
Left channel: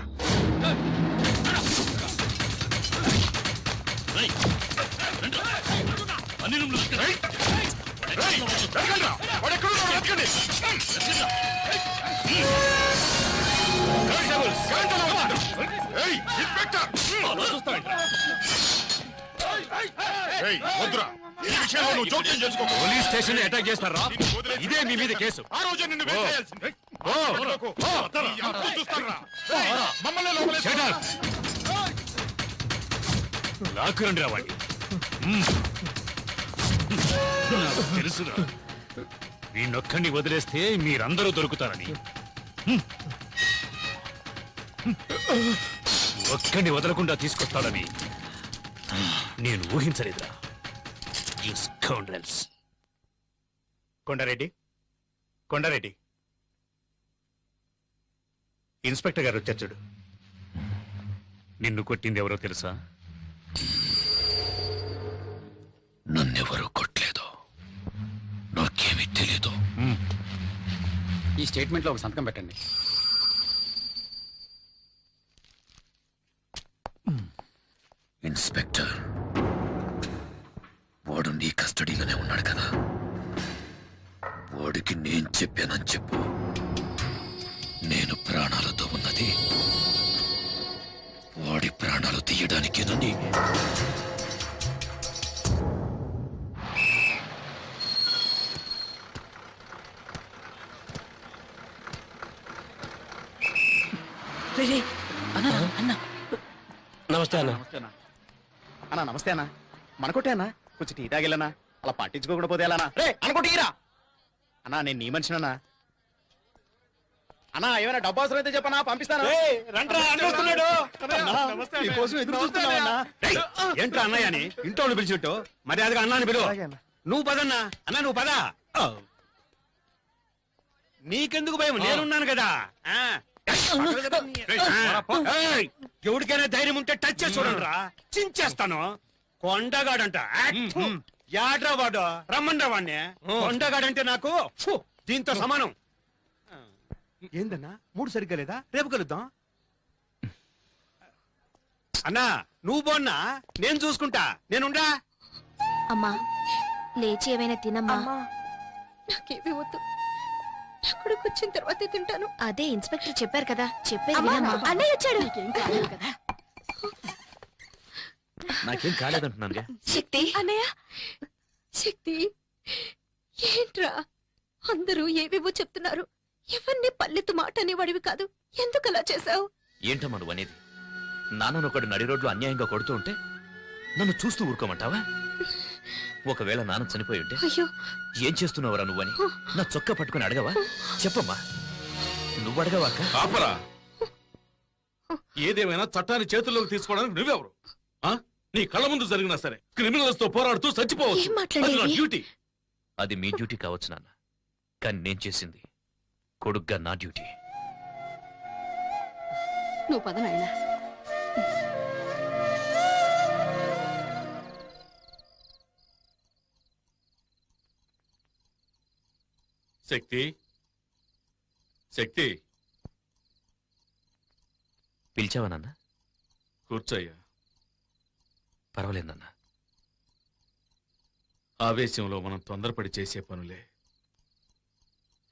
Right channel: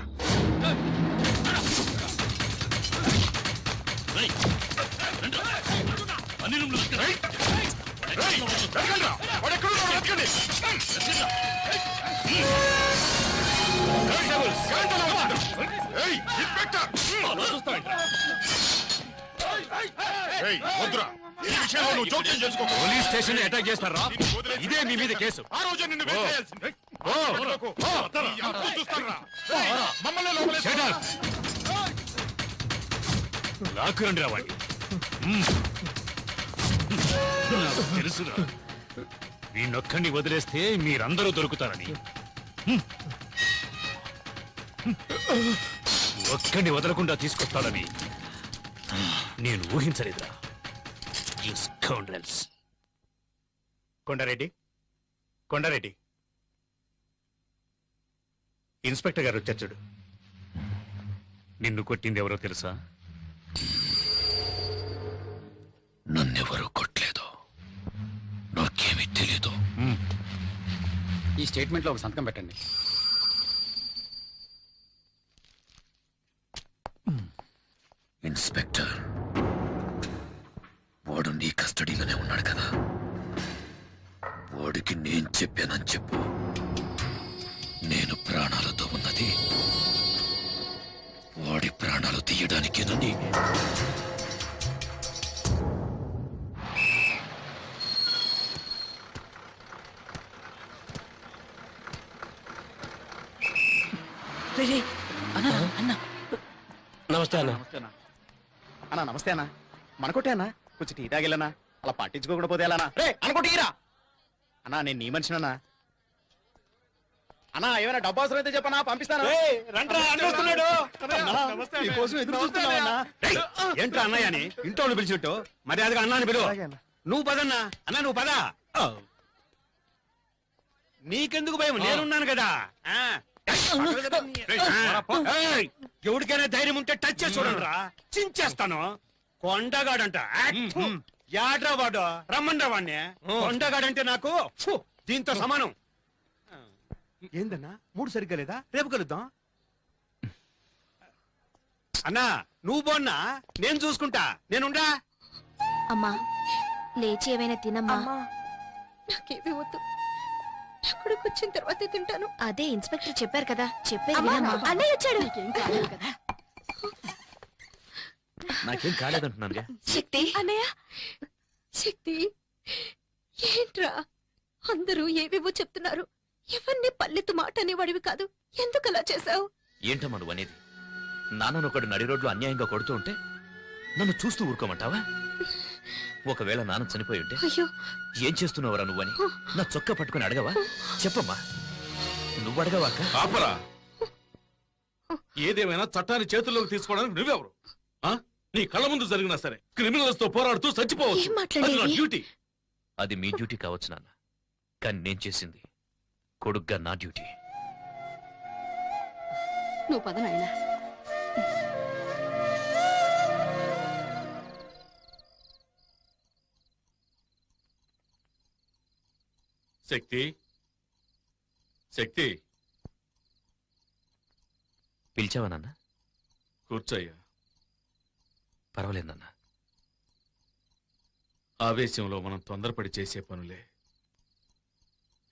అన్ని రూమ్లు రేయ్, వెతకండ్రా. వాడు ఎక్కడున్నాడో వెతకండి. కానిస్టేబుల్స్, ఏంటలా ఉన్నాడు? రేయ్, ఇన్స్పెక్టర్. రేయ్, వద్దురా. ఈ విషయంలో నువ్వు జోక్యం చేసుకో. పోలీస్ స్టేషన్ అటాక్ చేస్తారా? ఇదే మీ మీద కేసు. ఆ రోజే నిన్ను వేసేయాల్సింది. వదలకు. ఈ అంకులు చూస్తానురా. రేయ్, మమ్మల్ని లోపలేసి- Shut up. లాక్కురండి రా వాడిని. నాకు తెలుసురా, వీణొక్కడిని వదిలేస్తే మీరందరూ దొరుకుతారని. ఒక్కడిని వదలకుండా తీసుకొస్తాడని నేను ఊహించలేదురా. You scoundrels. Kondareddy, Kondareddy, inspector గారు వచ్చారు చూడు. నిన్ను కొట్టింది ఎవరో తెలుసా? నన్నెవరూ కొట్టలేదు, నాకేమీ తెలీదు. ఈ స్టేట్మెంట్ లో ఒక సంతకం పెట్టండి. ఇన్స్పెక్టర్, వాడు నీ కస్టడీలోనే ఉన్నాడు కదా, వాడికి నేను చెప్పానని చెప్పు. నేను ప్రాణాలతో ఉన్నది వాడి ప్రాణాలు తీయడానికేనండి. నమస్తే అన్న. అన్నా నమస్తే అన్నా. మనకొట్టే అన్నా, కొంచెం టీ తాగిల్లనా, అలా పట్టించుకోకుండా పోతే ఎలా రే అనుకుంటీరా అన్నా. నేను నీ మనిషినన్నా. అన్నా ఏమైనా డబ్బు అవసరం అయితే చెప్పనా, పంపిస్తాను. ఏంట్రా అన్నయ్య అని ఇంట్లో పిలిచిట్టు మర్యాదగా అన్నాన్ని పిలువ. నువ్వు పదన్నా. అన్నా నువ్వు పద. నీకెందుకు భయం, నేనున్నాను కదా. ఎవరికైనా ధైర్యం ఉంటే టచ్ చేసి చూడండి రా, చించేస్తాను. కొండగాడంట. యాడ్రా వాడు, రమ్మండ్రా వాడిని. కొండగాడంటే నాకు ఫు, దీంతో సమానం. ఏందన్నా మూడు సరిగ్గా లేదా? రేపు కలుద్దాం. అన్నా నువ్వు పోన్నా, నేను చూసుకుంటా. నేనుండా. అమ్మా లేచి ఏమైనా తినమ్మా. నాకేమీ వద్దు, అక్కడికి వచ్చిన తర్వాతే తింటాను. అదే ఇన్స్పెక్టర్ చెప్పారు కదా, చెప్పేది వినమ్మా. అన్నయ్య వచ్చాడు. నాకేం కాలేదంటున్నాను. శక్తి అన్నయ్య, శక్తి ఏంట్రా అందరూ ఏవేవో చెప్తున్నారు. ఎవరిని పల్లెత్తు మాట అనేవాడివి కాదు, ఎందుకు అలా చేశావు? ఏంటమ్మా నువ్వు అనేది? నాన్నను ఒకడు నడి రోడ్లు అన్యాయంగా కొడుతూ ఉంటే నన్ను చూస్తూ ఊరుకోమంటావా? ఒకవేళ నాన్న చనిపోయి ఉంటే అయ్యో ఏం చేస్తున్నావురా నువ్వని నా చొక్కా పట్టుకుని అడగవా? చెప్పమ్మా, నువ్వు అడగవాక? ఆపరా. ఏదేమైనా చట్టాన్ని చేతుల్లోకి తీసుకోవడానికి నువ్వెవరు? నీ కళ్ళ ముందు జరిగినా సరే క్రిమినల్స్ తో పోరాడుతూ చచ్చిపోవచ్చు. ఏం మాట్లాడేది? అది నా డ్యూటీ. అది మీ డ్యూటీ కావచ్చు నాన్న, కానీ నేను చేసింది కొడుగ్గా నా డ్యూటీ. నువ్వు పద నాయనా. శక్తి, శక్తి, పిలిచావా నాన్న? కూర్చోయ్యా. పర్వాలేదు నాన్న. ఆవేశంలో మనం తొందరపడి చేసే పనులే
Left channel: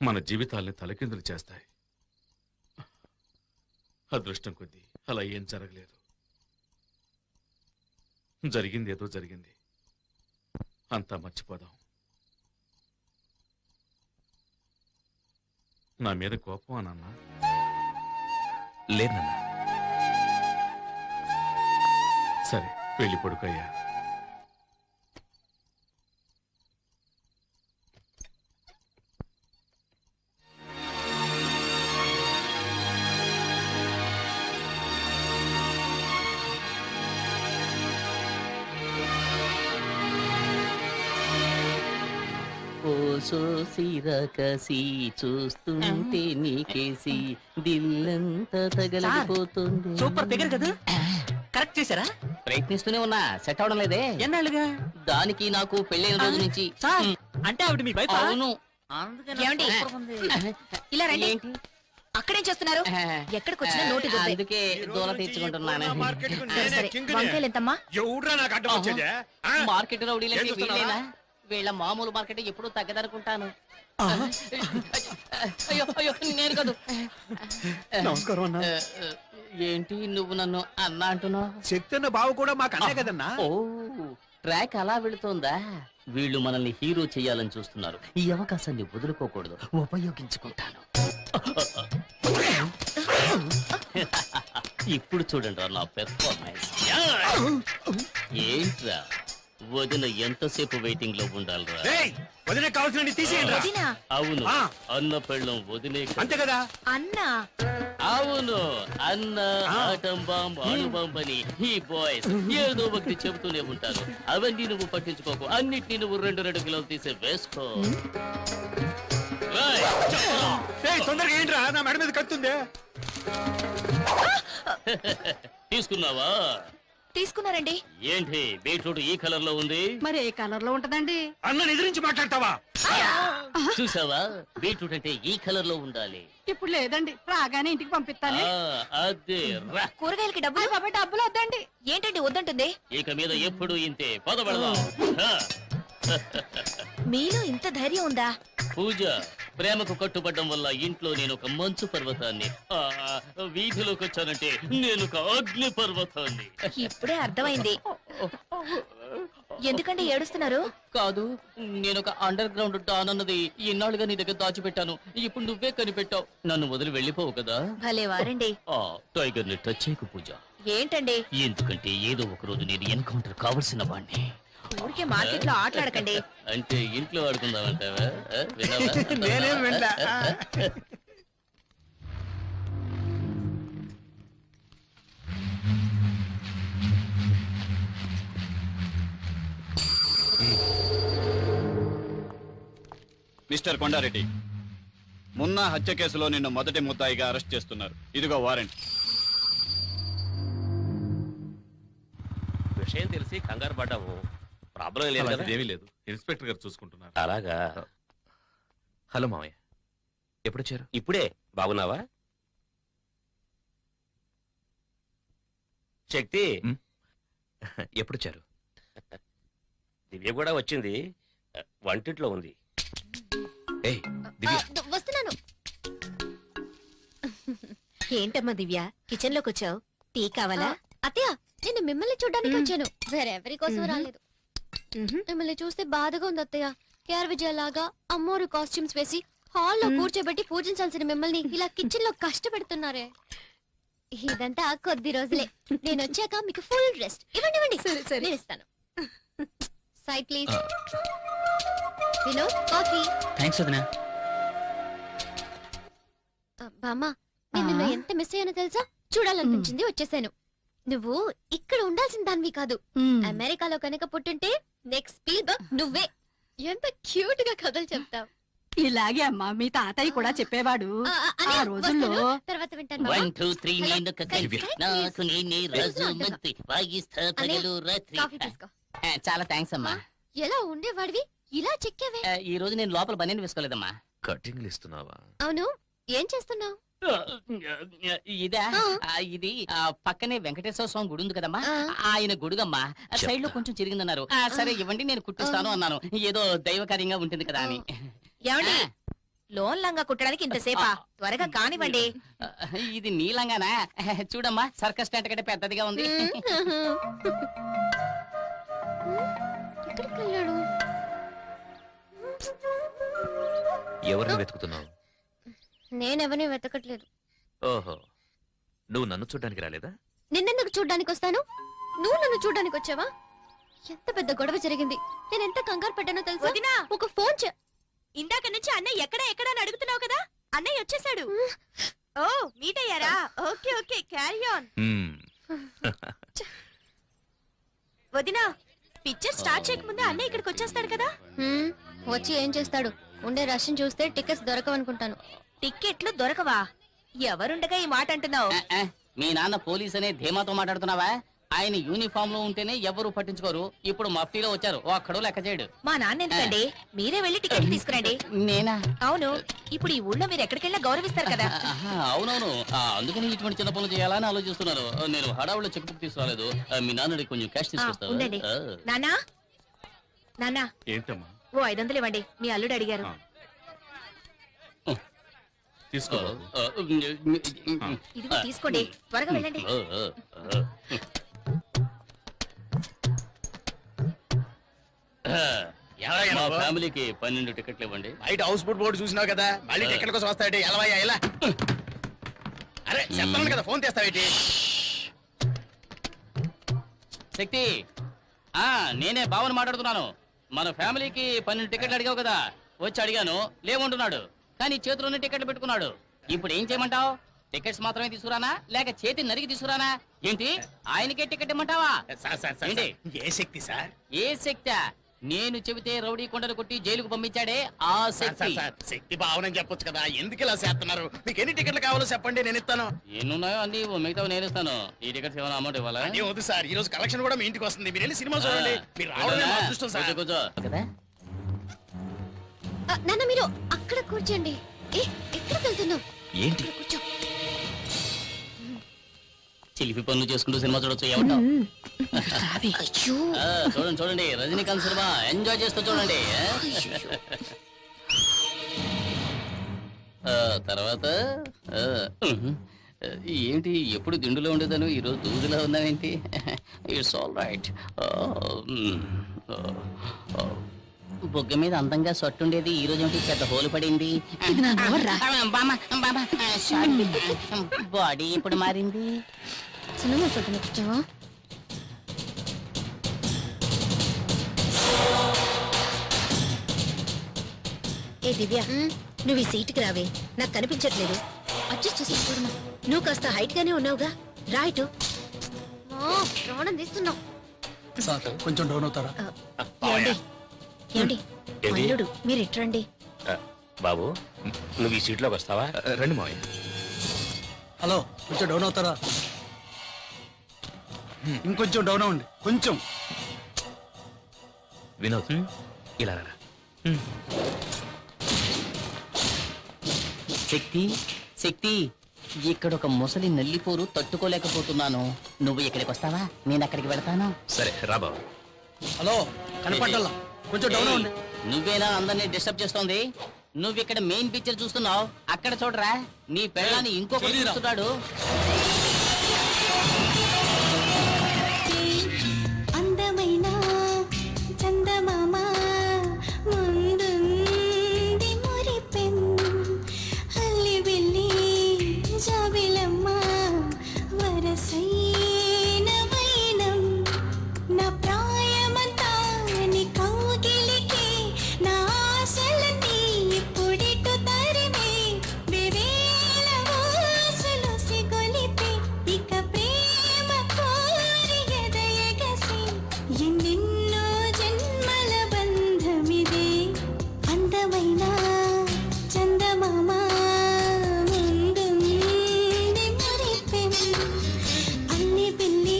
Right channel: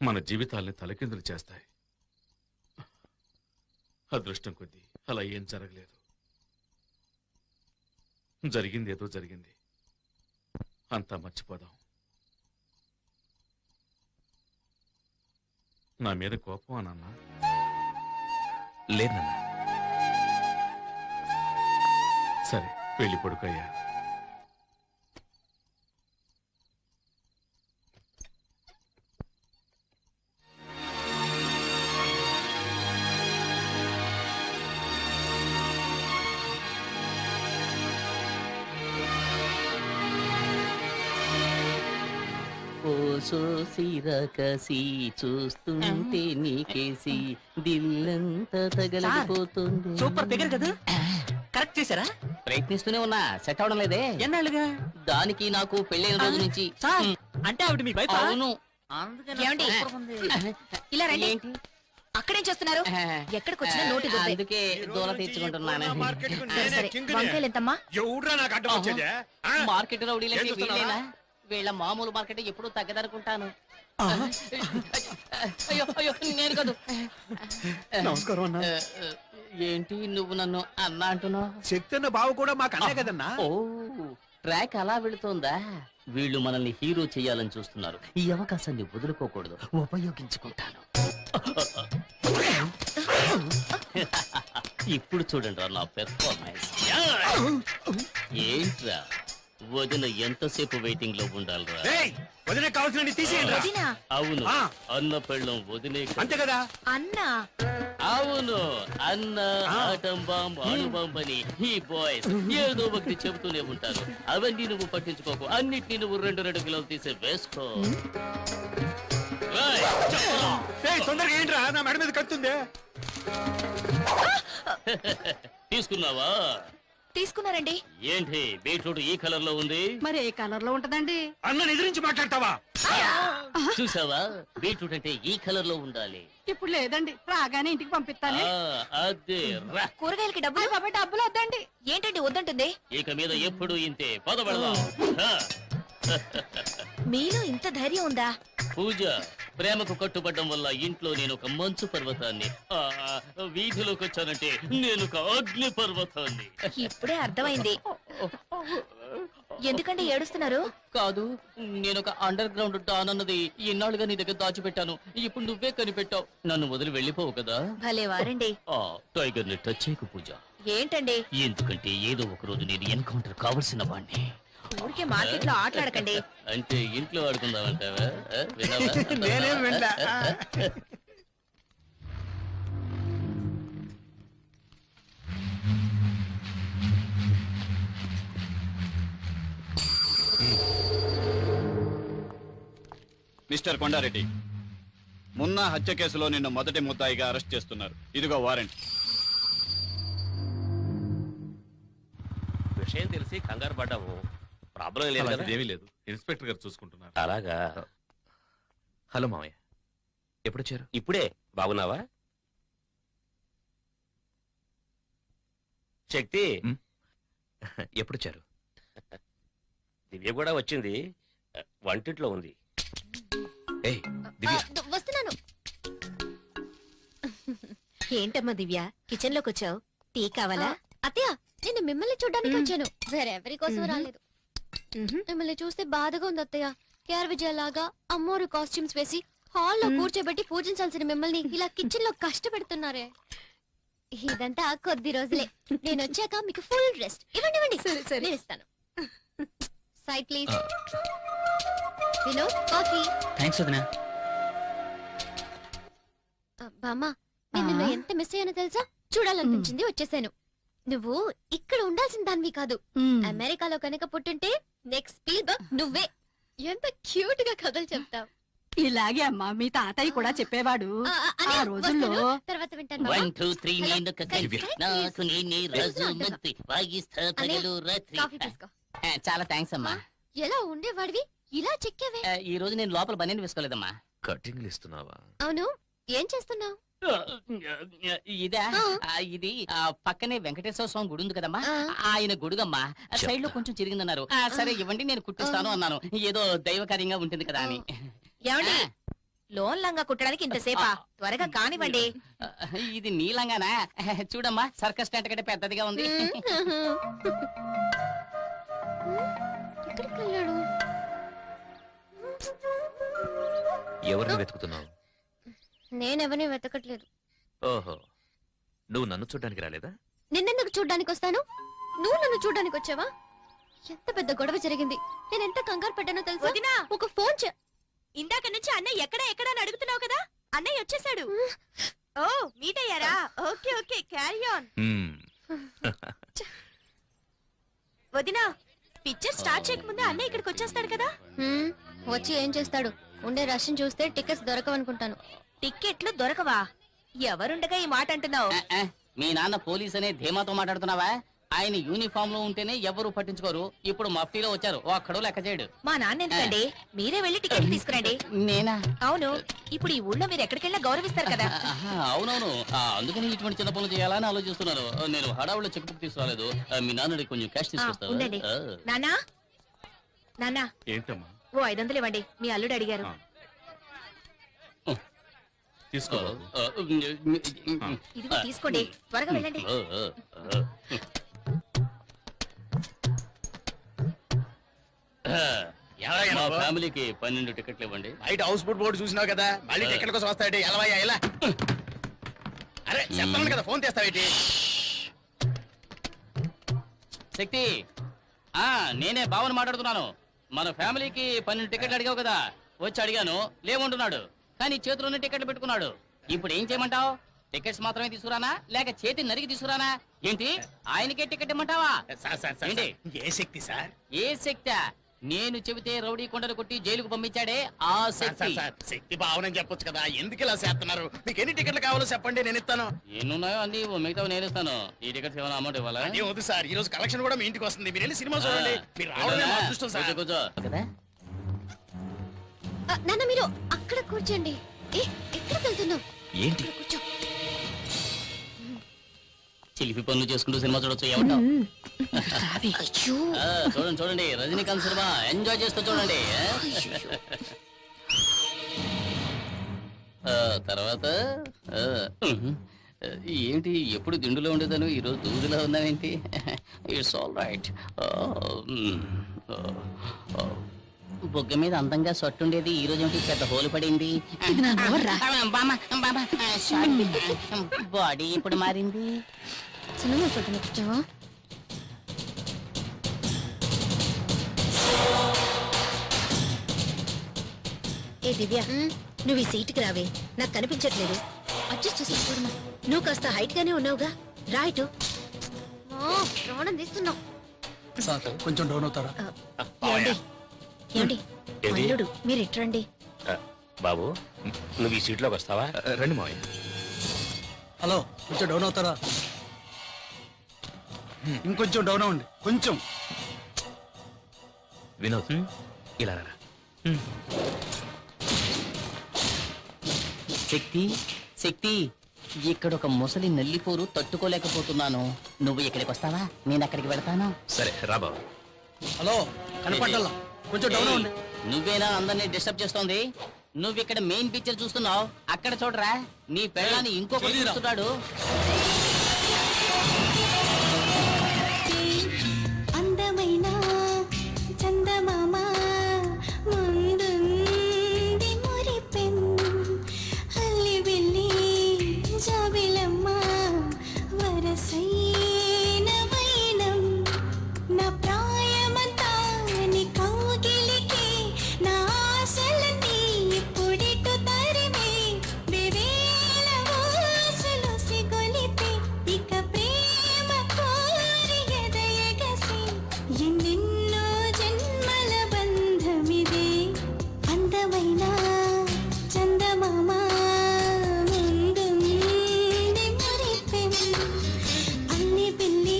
మన జీవితాల్ని తలకిందులు చేస్తాయి. అదృష్టం కొద్దీ అలా ఏం జరగలేదు. జరిగింది ఏదో జరిగింది, అంతా మర్చిపోదాం. నా మీద కోపం నాన్న? లేదు నాన్న. సరే వెళ్ళి పడుకోయ్యా. సోసిరకసి చూస్తుంటే నీకేసి దిల్లంతా తగలడిపోతుంది. సూపర్ ఫిగర్ కదా, కరెక్ట్ చేశారా? ప్రయత్నిస్తూనే ఉన్నా, సెట్ అవడం లేదే. ఎన్నాళ్ళుగా? దానికి నాకు పెళ్ళైన రోజు నుంచి. సార్ అంటే ఆవిడ మీ వైఫ్? అవును. ఏమండి? ఇలా రండి. ఏంటి? అక్కడేం చేస్తున్నారు? ఎక్కడికి వచ్చినా నోటి దుబ్బే. అందుకే దూల తీర్చుకుంటున్నాను. సరే, సరే. వంకాయలు ఎంతమ్మా? ఎవడ్రా నాకు అడ్డం వచ్చేదే? మార్కెట్ రౌడీలకి ఏం చూస్తున్నావా? వీళ్ళేనా? వీళ్ళ మామూలు మార్కెట్ ఎప్పుడు తగ్గదనుకుంటాను. అయ్యో అయ్యో, నేను కాదు. నమస్కారం అన్నా. ఏంటి నువ్వు నన్ను అన్నా అంటున్నావు? శక్తి బావ కూడా మాకు అన్నే కదన్నా. ఓ, ట్రాక్ అలా వెళుతోందా? వీళ్ళు మనల్ని హీరో చేయాలని చూస్తున్నారు. ఈ అవకాశాన్ని వదులుకోకూడదు, ఉపయోగించుకుంటాను. ఇప్పుడు చూడండి రా నా పెర్ఫార్మెన్స్. ఏంట్రా వదిన ఎంతసేపు వెయిటింగ్ లో ఉండాలిరా? వదిలే కావాల్సిన తీసేయండి. వదినా? అవును, ఆ. అన్న పెళ్ళం వదిలే. అంతే కదా? అన్నా? అవును, అన్న ఆటం బాంబ్ అణుబాంబ్ అని ఈ బాయ్స్ ఏదో ఒకటి చెబుతూనే ఉంటారు. అవన్నీ నువ్వు పట్టించుకోకు, అన్నిటినీ నువ్వు 2 కిలోలు తీసే వేసుకో. తొందరగా ఏంట్రా, నా మెడ మీద కత్తుందే. తీసుకున్నావా? తీసుకున్నారండి. ఏంటి బీట్రూట్ ఈ కలర్ లో ఉంది? మరి ఏ కలర్ లో ఉంటదండి? అన్న ఎదిరించి మాట్లాడతావా? చూసావా, బీట్రూట్ అంటే ఈ కలర్ లో ఉండాలి. ఇప్పుడు లేదండి, రాగానే ఇంటికి పంపిస్తాను. అదే రా. కూరగాయలకి డబ్బులు డబ్బులు వద్దండి. ఏంటండి వద్దంటుంది? ఇక మీద ఎప్పుడు ఇంతే. పదబడదాం. మీలో ఇంత ధైర్యం ఉందా? పూజ, ప్రేమకు కట్టుబడ్డం వల్ల ఇంట్లో నేను ఒక మంచు పర్వతాన్ని, వీధిలోకి వచ్చానంటే నేను ఒక అగ్ని పర్వతాన్ని. ఇప్పుడే అర్థమైంది. ఎందుకంటే ఏడుస్తున్నారు? కాదు, నేను ఒక అండర్ గ్రౌండ్ డాన్ అన్నది ఇన్నాళ్ళుగా నీ దగ్గర దాచిపెట్టాను. ఇప్పుడు నువ్వే కనిపెట్టావు. నన్ను వదిలి వెళ్ళిపోవు కదా? భలే వారండి. టైగర్ ని టచ్ చేయకు పూజ. ఏంటండి? ఎందుకంటే ఏదో ఒక రోజు నేను ఎన్కౌంటర్ కావలసిన వాణ్ణి. ఊరికే మార్కెట్ లో ఆటలాడకండి. అంటే ఇంట్లో ఆడుకుందామంటావా? నేనేం వినలా. మిస్టర్ కొండారెడ్డి, మున్నా హత్య కేసులో నిన్ను మొదటి ముద్దాయిగా అరెస్ట్ చేస్తున్నారు. ఇదిగో వారెంట్. విషయం తెలిసి కంగారు పడ్డాము. ప్రాబ్లం లేదు కదా? ఏమీ లేదు, ఇన్స్పెక్టర్ గారు చూసుకుంటున్నారు. అలాగా. హలో మామయ్య, ఎప్పుడొచ్చారు? ఇప్పుడే. బాగున్నావా శక్తి? ఎప్పుడొచ్చారు? దివ్య కూడా వచ్చింది, వంటింట్లో ఉంది. ఏయ్ దివ్య. వస్తున్నాను. ఏంటమ్మా దివ్య, కిచెన్ లోకి వచ్చావు? టీ కావాలా? అత్తయ్య, నేను మిమ్మల్ని చూడడానికి వచ్చాను, వేరెవరి కోసం రాలేదు. మిమ్మల్ని చూస్తే బాధగా ఉంది అత్తయ్య. కేఆర్ విజయలాగా అమ్మోరు కాస్ట్యూమ్స్ వేసి హాల్లో కూర్చోబెట్టి పూజించాల్సిన మిమ్మల్ని ఇలా కిచెన్ లో కష్టపెడుతున్నారే. ఇదంతా కొద్ది రోజులే. నేను వచ్చాక మీకు ఫుల్ రెస్ట్. ఇవ్వండి ఇవ్వండి, నేను ఇస్తాను. Side please. Vinod, coffee. Thanks వదినా. బామ్మ, నేను నిన్ను ఎంత మిస్ అయ్యానో తెలుసా? చూడాలనిపించింది, వచ్చేసాను. నువ్వు ఇక్కడ ఉండాల్సిన దానివి కాదు. అమెరికాలో కనుక పుట్టుంటే నెక్స్ట్ స్పీల్బర్గ్ నువ్వే. ఎంత క్యూట్ గా కథలు చెప్తావు. ఇలాగే అమ్మా మీ తాతయ్య కూడా చెప్పేవాడు. ఆ రోజుల్లో తర్వాత వింటాను. 1 2 3 నేను కలిసి నాకు నేనే రాజు మంత్రి వాయిస్తా పగలు రాత్రి. కాఫీ తీసుకో. చాలా థ్యాంక్స్ అమ్మా. ఎలా ఉండేవాడివి ఇలా చెక్కేవే. ఈ రోజు నేను లోపల బనీని వేసుకోలేదమ్మా. కటింగ్లు ఇస్తున్నావా? అవును, ఏం చేస్తున్నావు? ఇదా? ఇది పక్కనే వెంకటేశ్వర స్వామి గుడి ఉంది కదమ్మా, ఆ. ఆయన గుడుగమ్మా. సైడ్ లో కొంచెం చిరిగిందన్నారు. సరే ఇవ్వండి, నేను కుట్టిస్తాను అన్నాను. ఏదో దైవకార్యంగా ఉంటుంది కదా అని. ఏమండి, లోన్ లంగా కుట్టడానికి ఇంతసేపా? త్వరగా కానివ్వండి. ఇది నీలంగానా? చూడమ్మా, సర్కస్ టెంట్ కంటే పెద్దదిగా ఉంది. ఎక్కడికి వెళ్ళాడు? ఎవరిని వెతుకుతున్నావు? నేనెవరిని వెతకట్లేదు. ఓహో, నువ్వు నన్ను చూడ్డానికి రాలేదా? నిన్నెందుకు చూడ్డానికి వస్తాను? నువ్వు నన్ను చూడ్డానికి వచ్చావా? ఎంత పెద్ద గొడవ జరిగింది. నేను ఎంత కంగారు పడ్డానో తెలుసా? వదినా, ఒక ఫోన్ ఇందాక నుంచి అన్నయ్య ఎక్కడ అని అడుగుతున్నావు కదా, అన్నయ్య వచ్చేసాడు. ఓ, మీట్ అయ్యారా? Okay okay, carry on. వదినా, పిక్చర్ స్టార్ట్ చేయకముందే అన్నయ్య ఇక్కడికి వచ్చేస్తాడు కదా. వచ్చి ఏం చేస్తాడు? ఉండే రష్ని చూస్తే టికెట్స్ దొరకవనుకుంటాను. టిక్కెట్లు దొరకవా? ఎవరుండగా ఈ మాట అంటున్నావు? మీ నాన్న పోలీస్ అనే ధీమాతో మాట్లాడుతున్నావా? ఆయన యూనిఫామ్ లో ఉంటేనే ఎవరు పట్టించుకోరు. ఇప్పుడు మఫ్టీలో వచ్చారు, ఒక్కడో లెక్క చేయడు. మా నాన్న ఎందుకండి? మీరే వెళ్ళి టికెట్ తీసుకురండి. నేనా? అవును, ఇప్పుడు ఈ ఊళ్ళో మీరు ఎక్కడికెళ్ళా గౌరవిస్తారు కదా. అవునవును, అందుకని ఇటువంటి చిన్న పనులు చేయాలని ఆలోచిస్తున్నారు. నేను హడావుల్లో చెక్ బుక్ తీసుకురాలేదు. మీ నాన్నడి కొంచెం క్యాష్ ఉండండి. తీసుకొస్తాను. నానా నానా, ఏంటమ్మా ఓ 500 ఇవ్వండి, మీ అల్లుడు అడిగారు. తీసుకో. ఇదిగో తీసుకోండి, త్వరగా వెళ్ళండి. మా ఫ్యామిలీకి 12 టికెట్లు ఇవ్వండి. బయట హౌస్ బోట్ బోర్డు చూసినావు కదా, మళ్ళీ టికెట్ కోసం వస్తాడు. ఎలవయ్యా ఎలా? అరే చెప్తాను కదా, ఫోన్ చేస్తావేటి? శక్తి, నేనే భావన మాట్లాడుతున్నాను. మన ఫ్యామిలీకి 12 టికెట్లు అడిగావు కదా, వచ్చి అడిగాను, లేవంటున్నాడు. కానీ చేతిలోనే టికెట్లు పెట్టుకున్నాడు. ఇప్పుడు ఏం చేయమంటావు? టికెట్స్ మాత్రమే తీసుకురానా, లేక చేతి నరికి తీసుకురానా? ఏంటి, ఆయనకే టికెట్ ఇమ్మంటావా? ఏంటి? ఏ శక్తి సార్? ఏ శక్తి? నేను చెబితే రౌడీ కొండలు కొట్టి జైలుకు పంపించాడే ఆ శక్తి. శక్తి భావనని చెప్పొచ్చు కదా, ఎందుకు ఇలా చేస్తున్నారు? మీకు ఎన్ని టికెట్లు కావాలో చెప్పండి, నేను ఇస్తాను. ఎన్నున్నాయో అన్ని మిగతా నేను ఇస్తాను. ఈ టికెట్స్ ఏమైనా అమౌంట్ ఇవ్వాలా? ఏం వద్దు సార్, ఈ రోజు కలెక్షన్ కూడా మీ ఇంటికి వస్తుంది. మీరు వెళ్ళి సినిమా చూడండి. మీరు రావడమే మా అదృష్టం సార్. కూర్చో కదా. నాన్న మీరు అక్కడ కూర్చోండి. ఎక్కడికి వెళ్తున్నావు? ఏంటి? కూర్చో. చిలిపి పనులు చేసుకుంటూ సినిమా చూడొచ్చు. ఏమంటావు? అయ్యో, చూడండి చూడండి, రజనీకాంత్ సినిమా ఎంజాయ్ చేస్తూ చూడండి. తర్వాత ఏంటి, ఎప్పుడు దిండులో ఉండేదాను, ఈరోజు దూదులో ఉన్నావేంటి? It's all right. బొగ్గ మీద అందంగా సొట్టుండేది, ఈ రోజు ఏంటి పెద్ద హోలు పడింది? బాడీ ఇప్పుడు మారింది. సినిమా చూద్దాం కూర్చోవా? ఏ దివ్య, నువ్వు ఈ సీటుకి రావే, నాకు కనిపించట్లేదు. అడ్జస్ట్ చేసి చూడమా. నువ్వు కాస్త హైట్ గానే ఉన్నావుగా, రా ఇటు. ప్రాణం తీస్తున్నావు. కొంచెం డౌన్ అవుతారా? ఏమండి ఏమండి, అల్లుడు మీరు ఇట్రండి. బాబు, నువ్వు ఈ సీట్లోకి వస్తావా? రండి మావయ్య. హలో, కొంచెం డౌన్ అవుతారా? ఇంకొంచెం డౌన్ అవ్వండి, కొంచెం. వినోద్, ఇలా రా. శక్తి, శక్తి, ఇక్కడ ఒక ముసలి నల్లిపోరు తట్టుకోలేకపోతున్నాను. నువ్వు ఇక్కడికి వస్తావా? నేను అక్కడికి వెళ్తాను. సరే రా బాబు. హలో, కనపడాలా? కొంచెం డౌన్ అవ్వండి. నువ్వేనా అందరినీ డిస్టర్బ్ చేస్తోంది? నువ్వు ఇక్కడ మెయిన్ పిక్చర్ చూస్తున్నావు, అక్కడ చూడరా, నీ పెళ్ళాన్ని ఇంకొకటి చూస్తున్నాడు. అందమైన చందమామ ముందుంది మురిపెన్, అల్లి బిల్లి జాబిలమ్మ వరసైన వైనం, నా ప్రాయమంతా నీ కౌగిలికి, నా ఆశలన్నీ పొడిటు తరిమే, బెవేల వాసలు సిగొలిపే, ఇక ప్రేమ కోరి ఎదయగసి, ఎన్నెన్నో జన్మల బంధమిదే, అందమైన చందమామ ముందుంది మురిపెన్, అల్లి బిల్లి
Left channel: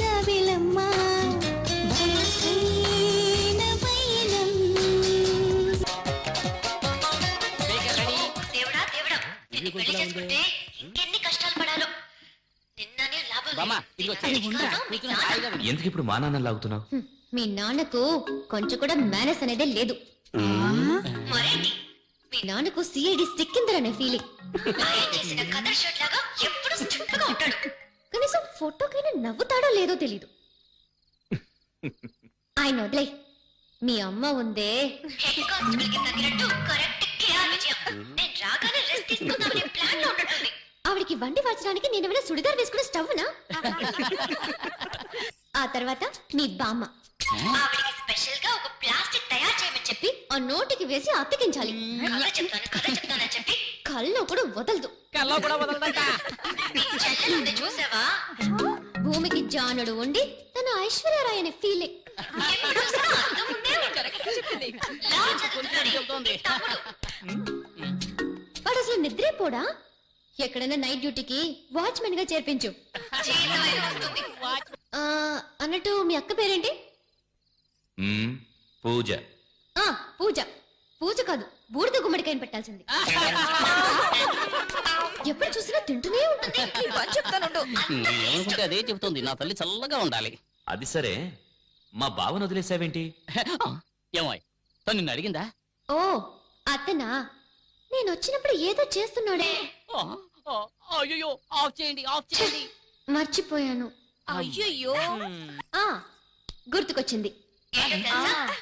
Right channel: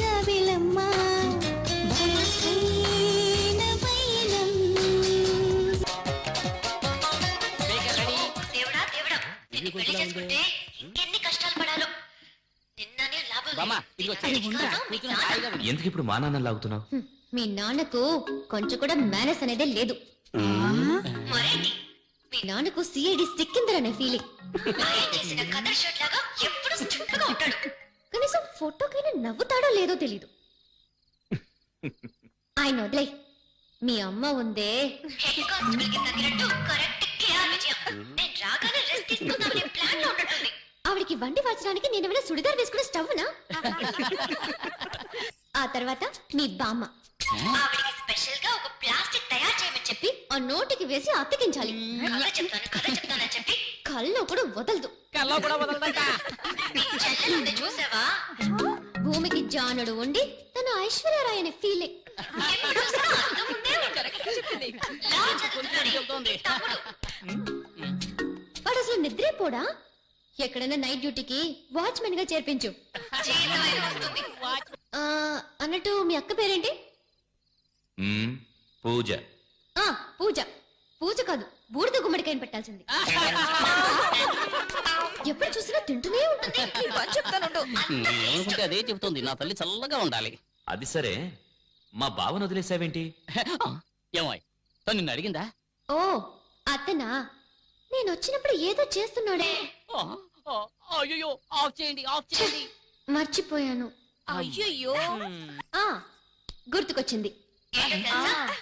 జాబిలమ్మ వరసైన వైనం. దేవుడా దేవుడా, నిన్ను పెళ్లి చేసుకుంటే ఎన్ని కష్టాలు పడాలో. నిన్ననే లాభం బామ్మ, ఇదిగో కూర్చుని హాయిగా విను. ఎందుకు ఇప్పుడు మా నాన్న లాగుతున్నావు? మీ నాన్నకు కొంచెం కూడా మేనస్ అనేదే లేదు. మరేంటి, మీ నాన్నకు సిఐడి సిక్కిందరనే ఫీలింగ్. చేసిన కదర్ షర్ట్ లాగా ఎప్పుడు చుట్టుగా ఉంటాడు. కనీసం ఫోటోకైనా నవ్వుతాడో లేదో తెలీదు. ఆయన వదిలే, మీ అమ్మ ఉందే, హెడ్ కానిస్టేబుల్ కి తగినట్టు కరెక్ట్ కేఆర్ విజయం. నేను రాగానే రెస్ట్ తీసుకుందామని ప్లాన్ లో ఉన్నట్టుంది. ఆవిడికి వండి మార్చడానికి నేనేమైనా సుడిదార్ వేసుకునే స్టవ్నా? ఆ తర్వాత మీ బామ్మ ఆవిడికి స్పెషల్ గా ఒక ప్లాస్టిక్ తయారు చేయమని చెప్పి, ఆ నోటికి వేసి అతికించాలి. కథ చెప్తానని చెప్పి కళ్ళు కూడా వదలదు. నీ చెల్లెలుంది చూసావా? భూమికి జానుడు ఉండి తన ఐశ్వర్యరాయ్ అనే ఫీలింగ్. ఎప్పుడు చూసినా అందం ఉండే ఉంటారు. వాడు అసలు నిద్రపోడా? ఎక్కడైనా నైట్ డ్యూటీకి వాచ్మెన్ గా చేర్పించు. అన్నట్టు మీ అక్క పేరేంటి? పూజ. పూజ. పూజ కాదు, బూడిద గుమ్మడికాయని పెట్టాల్సింది. ఎప్పుడు చూసినా తింటూనే ఉంటుంది. ఏమిటంటే అదే చెబుతుంది, నా తల్లి చల్లగా ఉండాలి. అది సరే, మా బావను వదిలేసావేంటి? ఏమాయ్, తను నిన్ను అడిగిందా? ఓ అతనా? నేను వచ్చినప్పుడు ఏదో చేస్తున్నాడే. అయ్యో, ఆఫ్ చేయండి, ఆఫ్ చేయండి. మర్చిపోయాను. అయ్యయ్యో. గుర్తుకొచ్చింది.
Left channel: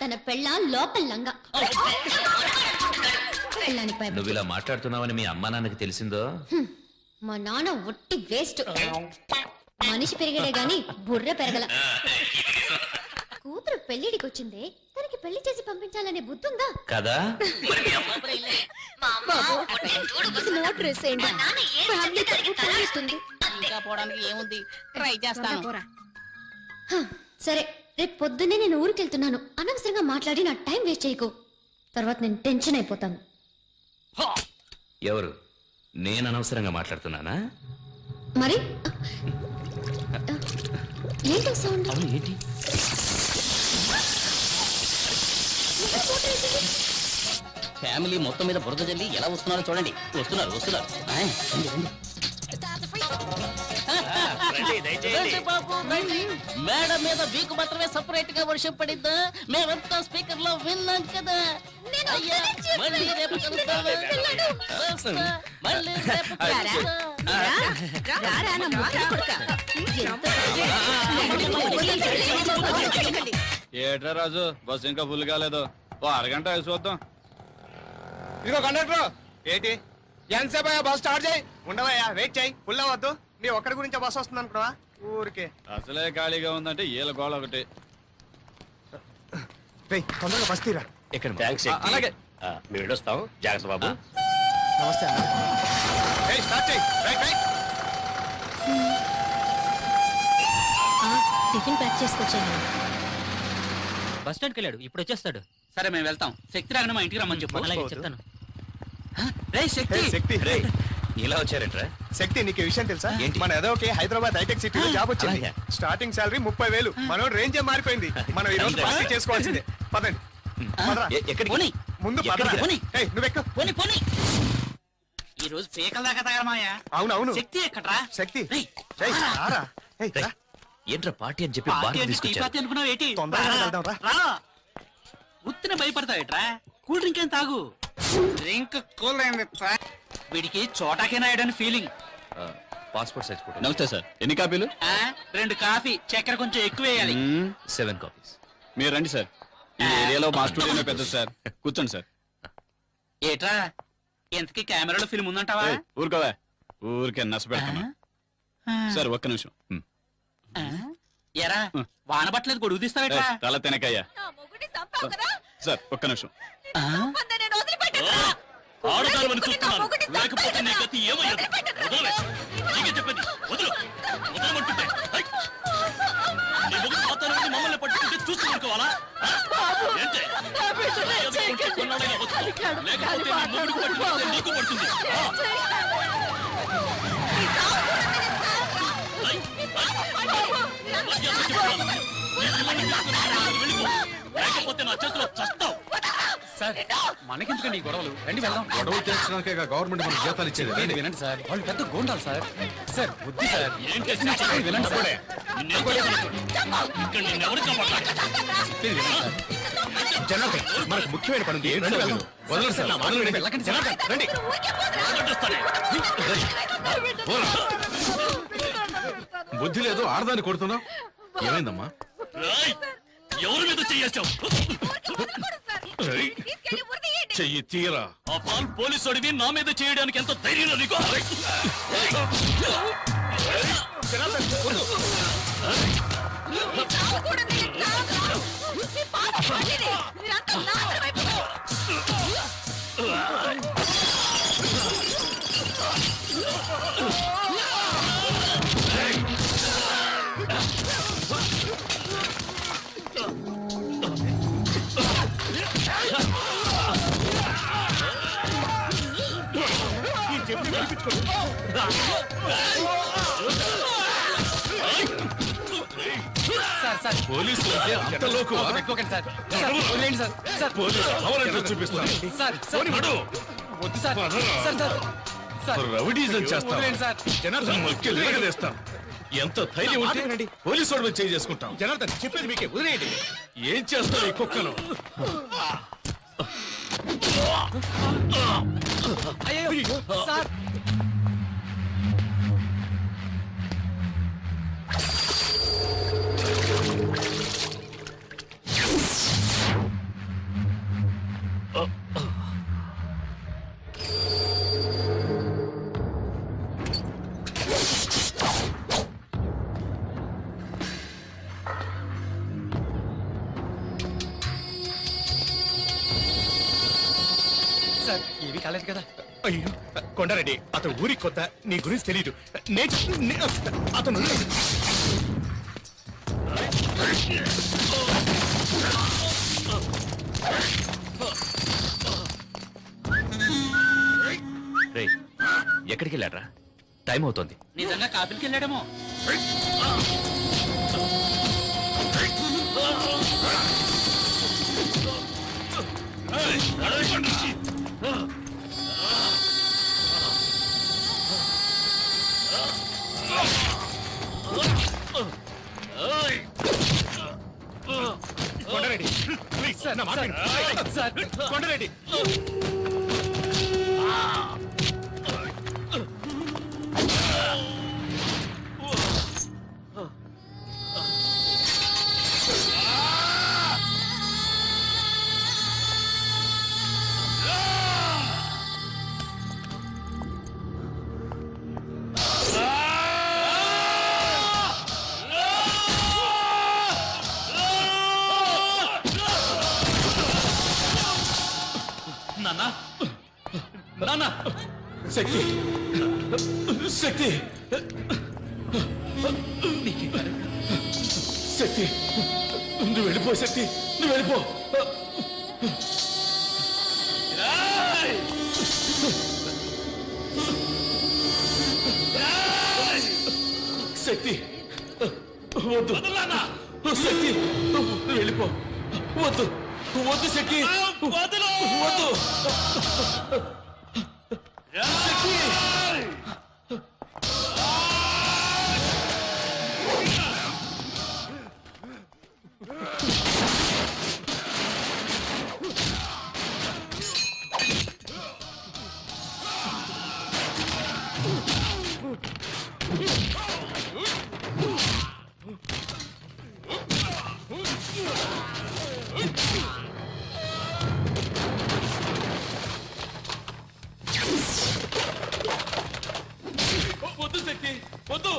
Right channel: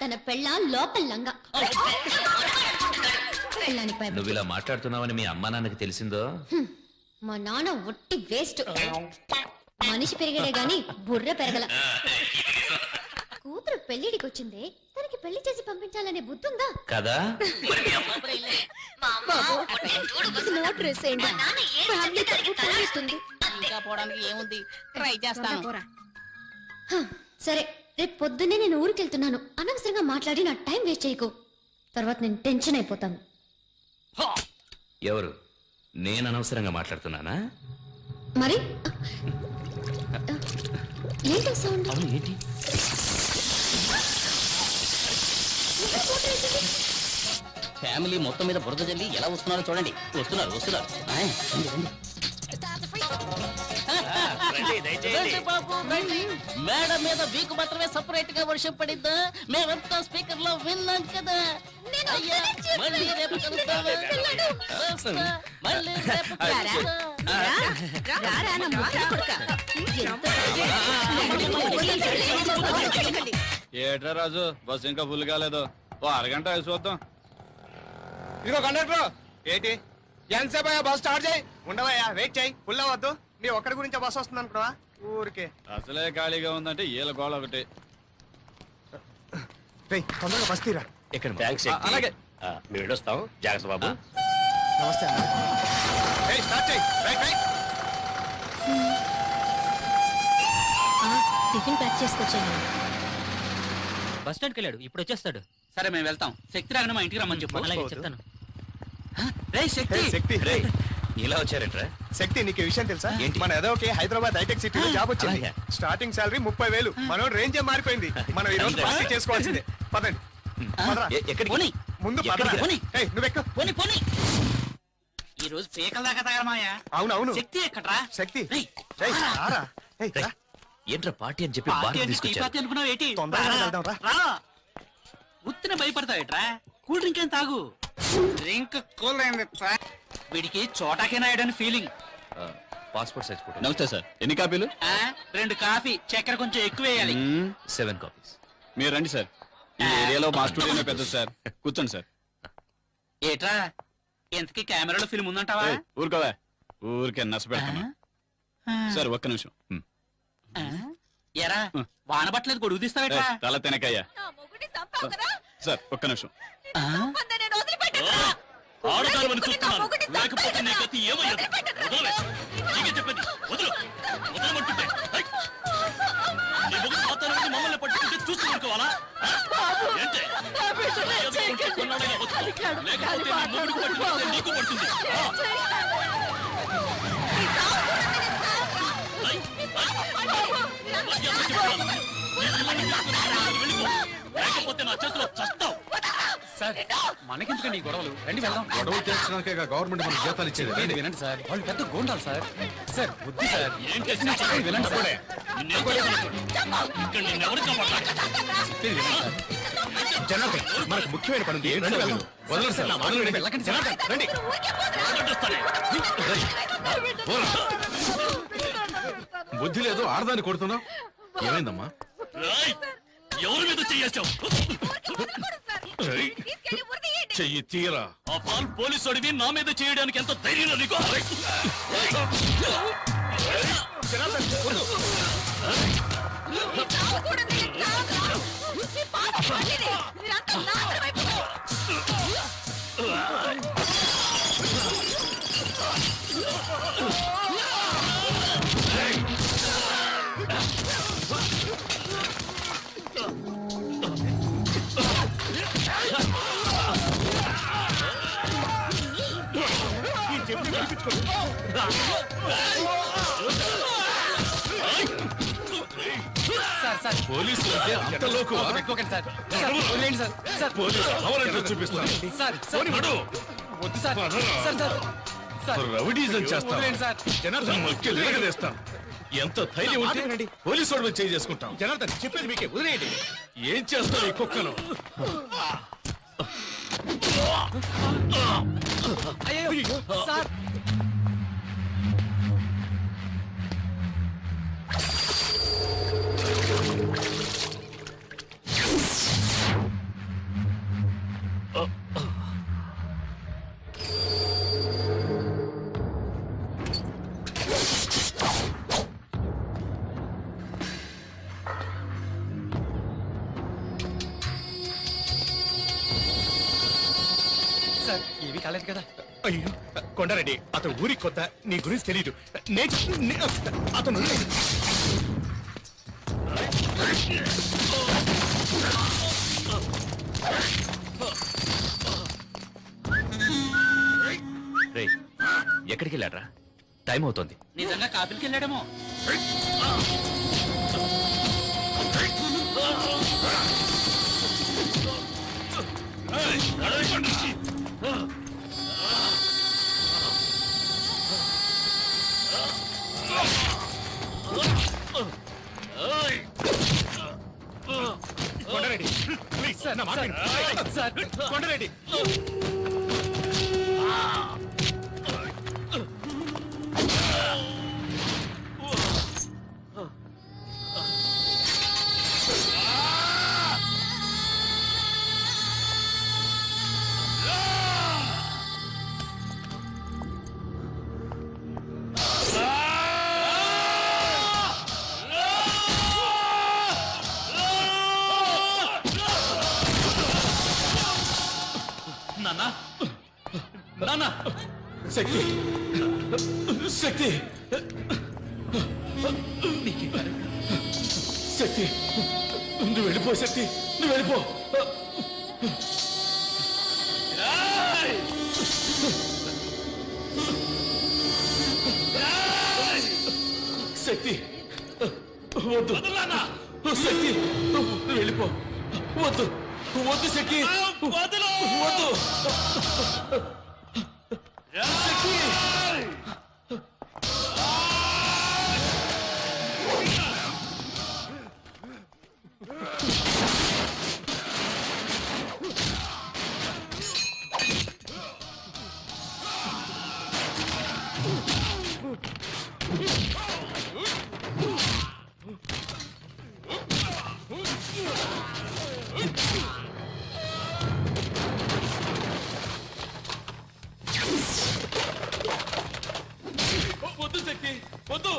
తన పెళ్ళాం లోపల లంగా. పెళ్ళానిపై నువ్వు ఇలా మాట్లాడుతున్నావని మీ అమ్మా నాన్నకి తెలిసిందో? మా నాన్న ఒట్టి వేస్ట్. మనిషి పెరిగడే గాని బుర్ర పెరగల. కూతురు పెళ్లిడికి వచ్చిందే, తనకి పెళ్లి చేసి పంపించాలనే బుద్ధుందా కదా? నోట్ వేసేయండి. ఫ్యామిలీ తరపు పోయిస్తుంది. ఇంకా పోవడానికి ఏముంది, ట్రై చేస్తాను. సరే, రేపు పొద్దున్నే నేను ఊరికెళ్తున్నాను. అనవసరంగా మాట్లాడి నా టైం వేస్ట్ చేయకు. తర్వాత నేను టెన్షన్ అయిపోతాను. ఎవరు? నేను అనవసరంగా మాట్లాడుతున్నానా? మరి ఏంటో సౌండ్? ఏంటి? ఫ్యామిలీ మొత్తం మీద బురద జల్లి ఎలా వస్తున్నారో చూడండి. వస్తున్నారు, వస్తున్నారు. మేడం మీద మీకు మాత్రమే సపరేట్ గా వర్షం పడిద్దా? మేమంతా స్పీకర్ లో విన్నాం కదా. అయ్యా, మళ్ళీ రేపు కలుద్దాము. మళ్ళీ రేపు ఏట్రా రాజు, బస్సు ఇంకా ఫుల్ కాలేదు. ఓ అరగంట వేసి చూద్దాం. ఇదిగో కండక్టర్, ఏంటి ఎంతసేపు బస్ స్టార్ట్ చేయి. ఉండవయ్యా, వెయిట్ చేయి. ఫుల్ అవ్వద్దు. మీ ఒక్కడి గురించి బస్ వస్తుంది అనుకున్నావా? ఊరికే అసలే ఖాళీగా ఉందంటే ఈల గోళ ఒకటి. తొందరగా బస్ తీరా. ఇక్కడ థ్యాంక్స్. అలాగే. మేము వెళ్ళొస్తాం. జాగ్రత్త బాబు. నమస్తే అన్న. స్టార్ట్ చేయి. Right right. టిఫిన్ ప్యాక్ చేసుకొచ్చాను. బస్ స్టాండ్కి వెళ్ళాడు, ఇప్పుడు వచ్చేస్తాడు. సరే, మేము వెళ్తాం. శక్తి రాగానే మా ఇంటికి రమ్మని చెప్పు. అలాగే చెప్తాను. శక్తి ఇలా వచ్చారంట్రా? శక్తి, నీకు విషయం తెలుసా? మన ఏదోకి హైదరాబాద్ హైటెక్ సిటీలో జాబ్ వచ్చింది. Starting salary 30,000. మనం రేంజే మారిపోయింది. మనం ఈ రోజు పార్టీ చేసుకోవాల్సిందే. పదండి. ఎక్కడికి? ముందు నువ్వెక్క. ఈ రోజు పీకల దాకా తగలమాయా. అవునవును. శక్తి ఎక్కడ్రా? శక్తి ఏంట్రా పార్టీ అని చెప్పి బాగా తీసుకొచ్చారు. అనుకున్నావు ఏంటి? తొందరగా వెళ్దాం రా. ఉత్తిన భయపడతావేట్రా? కూల్ డ్రింక్ ఏం తాగు. డ్రింక్ కూల్ వీడికి చోటాకైనా అయ్యాడని ఫీలింగ్. Passport size photo. నమస్తే సార్, ఎన్ని కాపీలు? 2 కాఫీ, చక్కెర కొంచెం ఎక్కువ వేయాలి. 7 కాపీస్. మీరు రండి సార్. ఈ ఏరియాలో మా స్టూడియోనే పెద్దది సార్. కూర్చోండి సార్. ఏట్రా, ఎంతకి కెమెరాలో ఫిల్మ్ ఉందంటావా? ఊరుకోవా, ఊరికే నచ్చ పెడతాను సార్. ఒక్క నిమిషం. ఎరా, వాన పట్టలేదు, గొడుగు తీస్తావేట్రా? తల తినకయ్యా సార్. ఒక్క నిమిషం. ఆడదానివని చూస్తున్నాను, లేకపోతే నీ గతి ఏమయ్యదు. నీకే చెప్పేది, వదలు, వదలమంటుంటే. నీ మొగుడు వాతావరణాన్ని మమ్మల్ని పట్టుకుంటే చూస్తూ ఊరుకోవాలా? ఏంటే? కొన్నాళ్ళైనా బతుకు. లేకపోతే నీ మొగుడికి పట్టుకుంటే నీకు పడుతుంది. లేకపోతే నా చేతిలో చస్తావు. సార్, మనకెందుకండి ఈ గొడవలు? రండి వెళ్దాం. గొడవలు తెచ్చినాకే గవర్నమెంట్ మనకు జీతాలు ఇచ్చేది. వినండి సార్, వాళ్ళు పెద్ద గోండాలు సార్. సార్ బుద్ధి సార్. ఏం చేసినా చెప్పండి, వినండి సార్. ఇక్కడ నిన్నెవరు జనాభా మనకు ముఖ్యమైన పని ఉంది. రండి వెళ్దాం. వదలండి సార్, వదలండి. వెళ్ళకండి జనాభా, రండి. బుద్ధి లేదు, ఆడదాన్ని కొడుతున్నావు. ఏమైందమ్మా? ఎవరి మీద చేసావు? చెయ్యి తీరా. పోలీసు అడివి నా మీద చేయడానికి ఎంత ధైర్యం నీకు? సార్ పోలీసులు అంటే అంత లోకు. పెట్టుకోకండి సార్. సార్, వదిలేయండి సార్. సార్, పోలీసు కావాలంటే చూపిస్తాను. సార్, సార్, పోనీ నడు. వద్దు sir. Sir, sir, sir, rowdyism చేస్తాం. వదిలేయండి సార్. జనార్దన్ నొక్కి లేగలేస్తాం. ఎంత ధైర్యం ఉంటే మాట్లాడండి. పోలీసు వాడు చేయి చేసుకుంటాం. జనార్దన్ చెప్పేది మీకే, వదిలేయండి. ఏం చేస్తావు ఈ కుక్కను? అయ్యో సార్. సార్, ఏమీ కాలేదు కదా? అయ్యో కొండారెడ్డి, అతను ఊరికి కొత్త, నీ గురించి తెలియదు. అతను ఎక్కడికి వెళ్ళాడ్రా? టైం అవుతోంది. నిజంగా కాపులకి వెళ్ళాడేమో. కొండారెడ్డి ప్లీజ్ నా మాట విను. సార్, కొండారెడ్డి నాన్న, నాన్న, శక్తి శక్తి శక్తి నువ్వు వెళ్ళిపో. శక్తి నువ్వు వెళ్ళిపో. శక్తి వద్దు. శక్తి నువ్వు వెళ్ళిపో. వద్దు వద్దు శక్తి వద్దు. శక్తి వద్దు శక్తి వద్దు.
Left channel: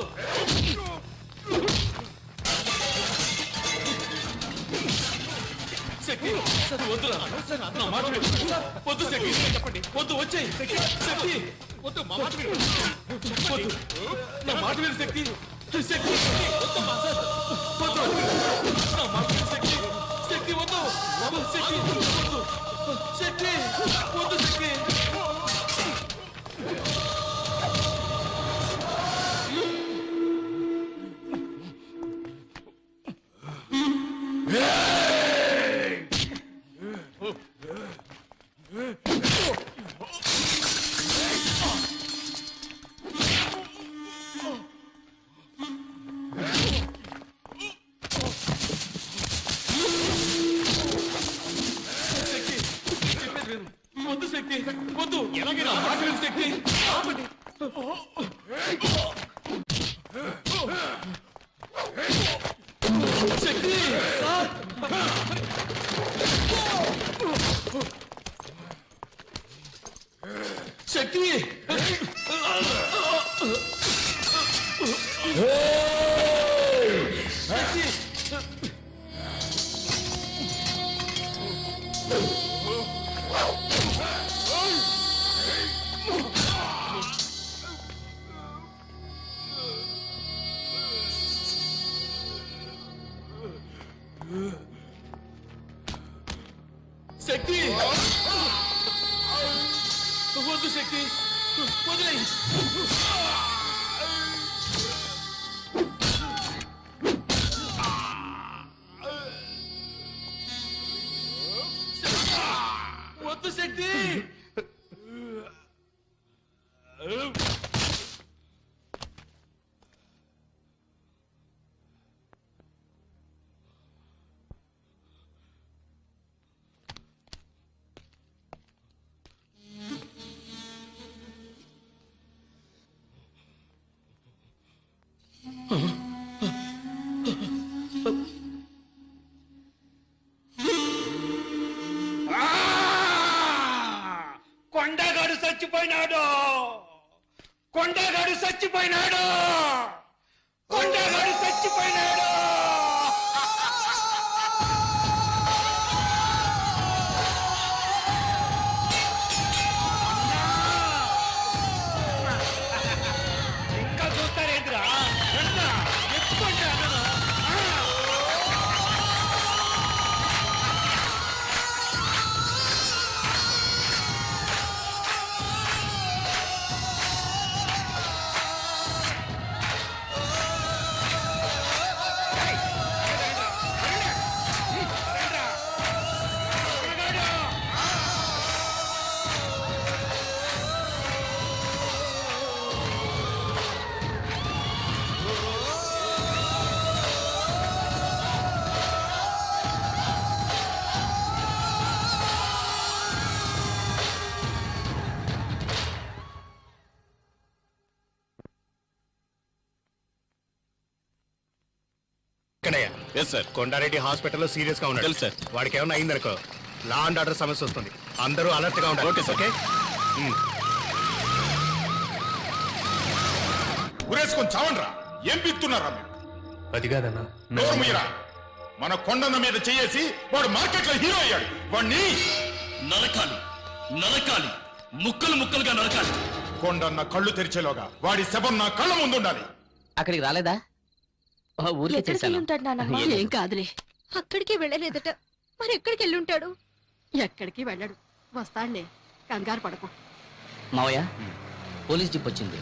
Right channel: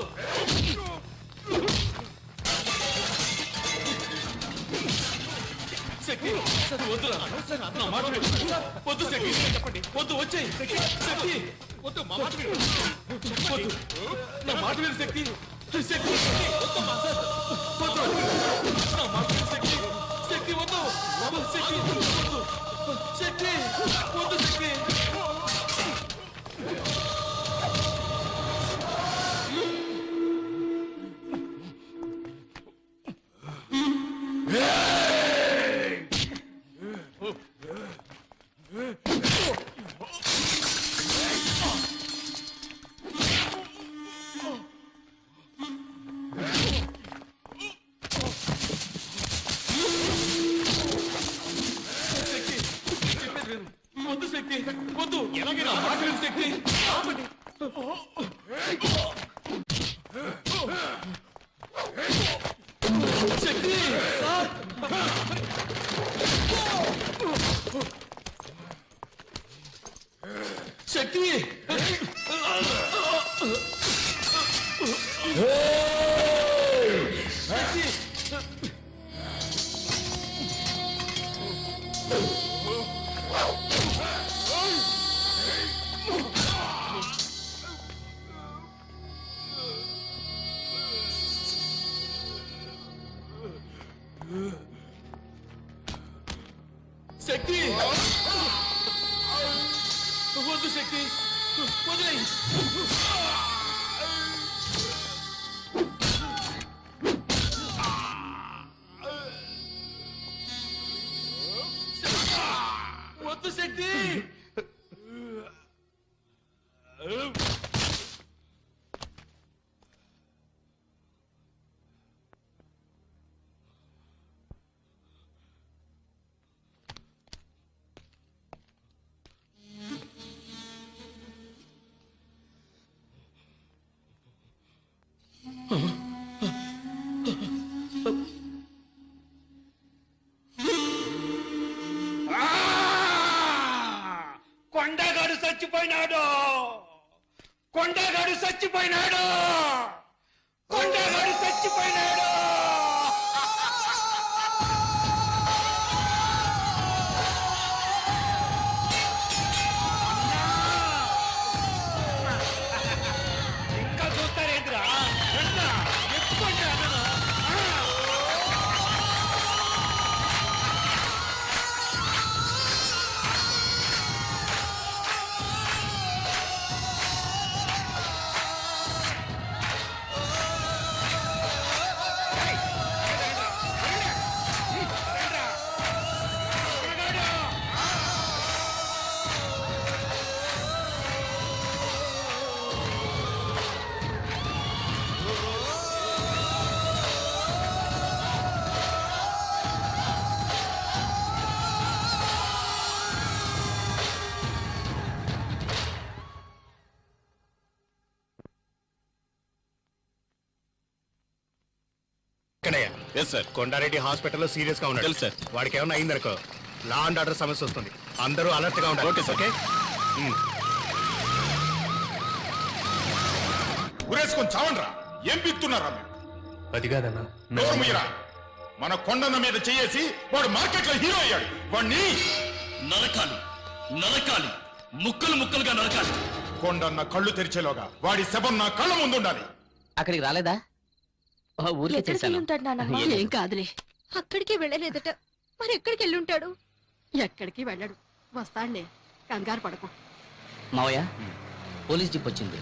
శక్తి వద్దురా. నా మాట విను. వద్దు శక్తి. చెప్పండి. వద్దు వచ్చేయి. శక్తి వద్దు. మా మాట విను. వద్దు. నా మాట విను శక్తి. శక్తి వద్దు. నా మాట విను శక్తి. శక్తి వద్దు. శక్తి వద్దు. శక్తి వద్దు. శక్తి వద్దు శక్తి వద్దు. ఎలాగైనా మాట విను శక్తి. శక్తి శక్తి శక్తి వద్దు శక్తి వదిలేయ్. వద్దు శక్తి. కొండగాడు చచ్చిపోయినాడు. కొండగాడు చచ్చిపోయినాడు. కొండగాడు చచ్చిపోయినాడు. ఇంకా చూస్తారేంద్రా? ఎక్కువ ఎస్ సార్. కొండారెడ్డి హాస్పిటల్లో సీరియస్ గా ఉన్నాడు. తెలుసు సార్. వాడికి ఏమైనా అయిందనుకో లా అండ్ ఆర్డర్ సమస్య వస్తుంది. అందరూ అలర్ట్ గా ఉండాలి. Okay sir. ఓకే. ఉరేసుకొని చావండ్రా. ఏం పిస్తున్నారా మీరు? అది కాదన్నా నోరు మీరా. మన కొండన్న మీద చేసి వాడు మార్కెట్ లో హీరో అయ్యాడు. వాడిని నరకాలి, నరకాలి, ముక్కలు ముక్కలుగా నరకాలి. కొండన్న కళ్ళు తెరిచేలోగా వాడి శవం నా కళ్ళ ముందు ఉండాలి. అక్కడికి రాలేదా? ఊర్లో చేశాను. ఏం కాదులే. అక్కడికి వెళ్ళలేదట. మరి ఎక్కడికి వెళ్ళుంటాడు? ఎక్కడికి వెళ్ళడు. వస్తాడులే, కంగారు పడకు. మావయ్య, పోలీస్ జీప్ వచ్చింది.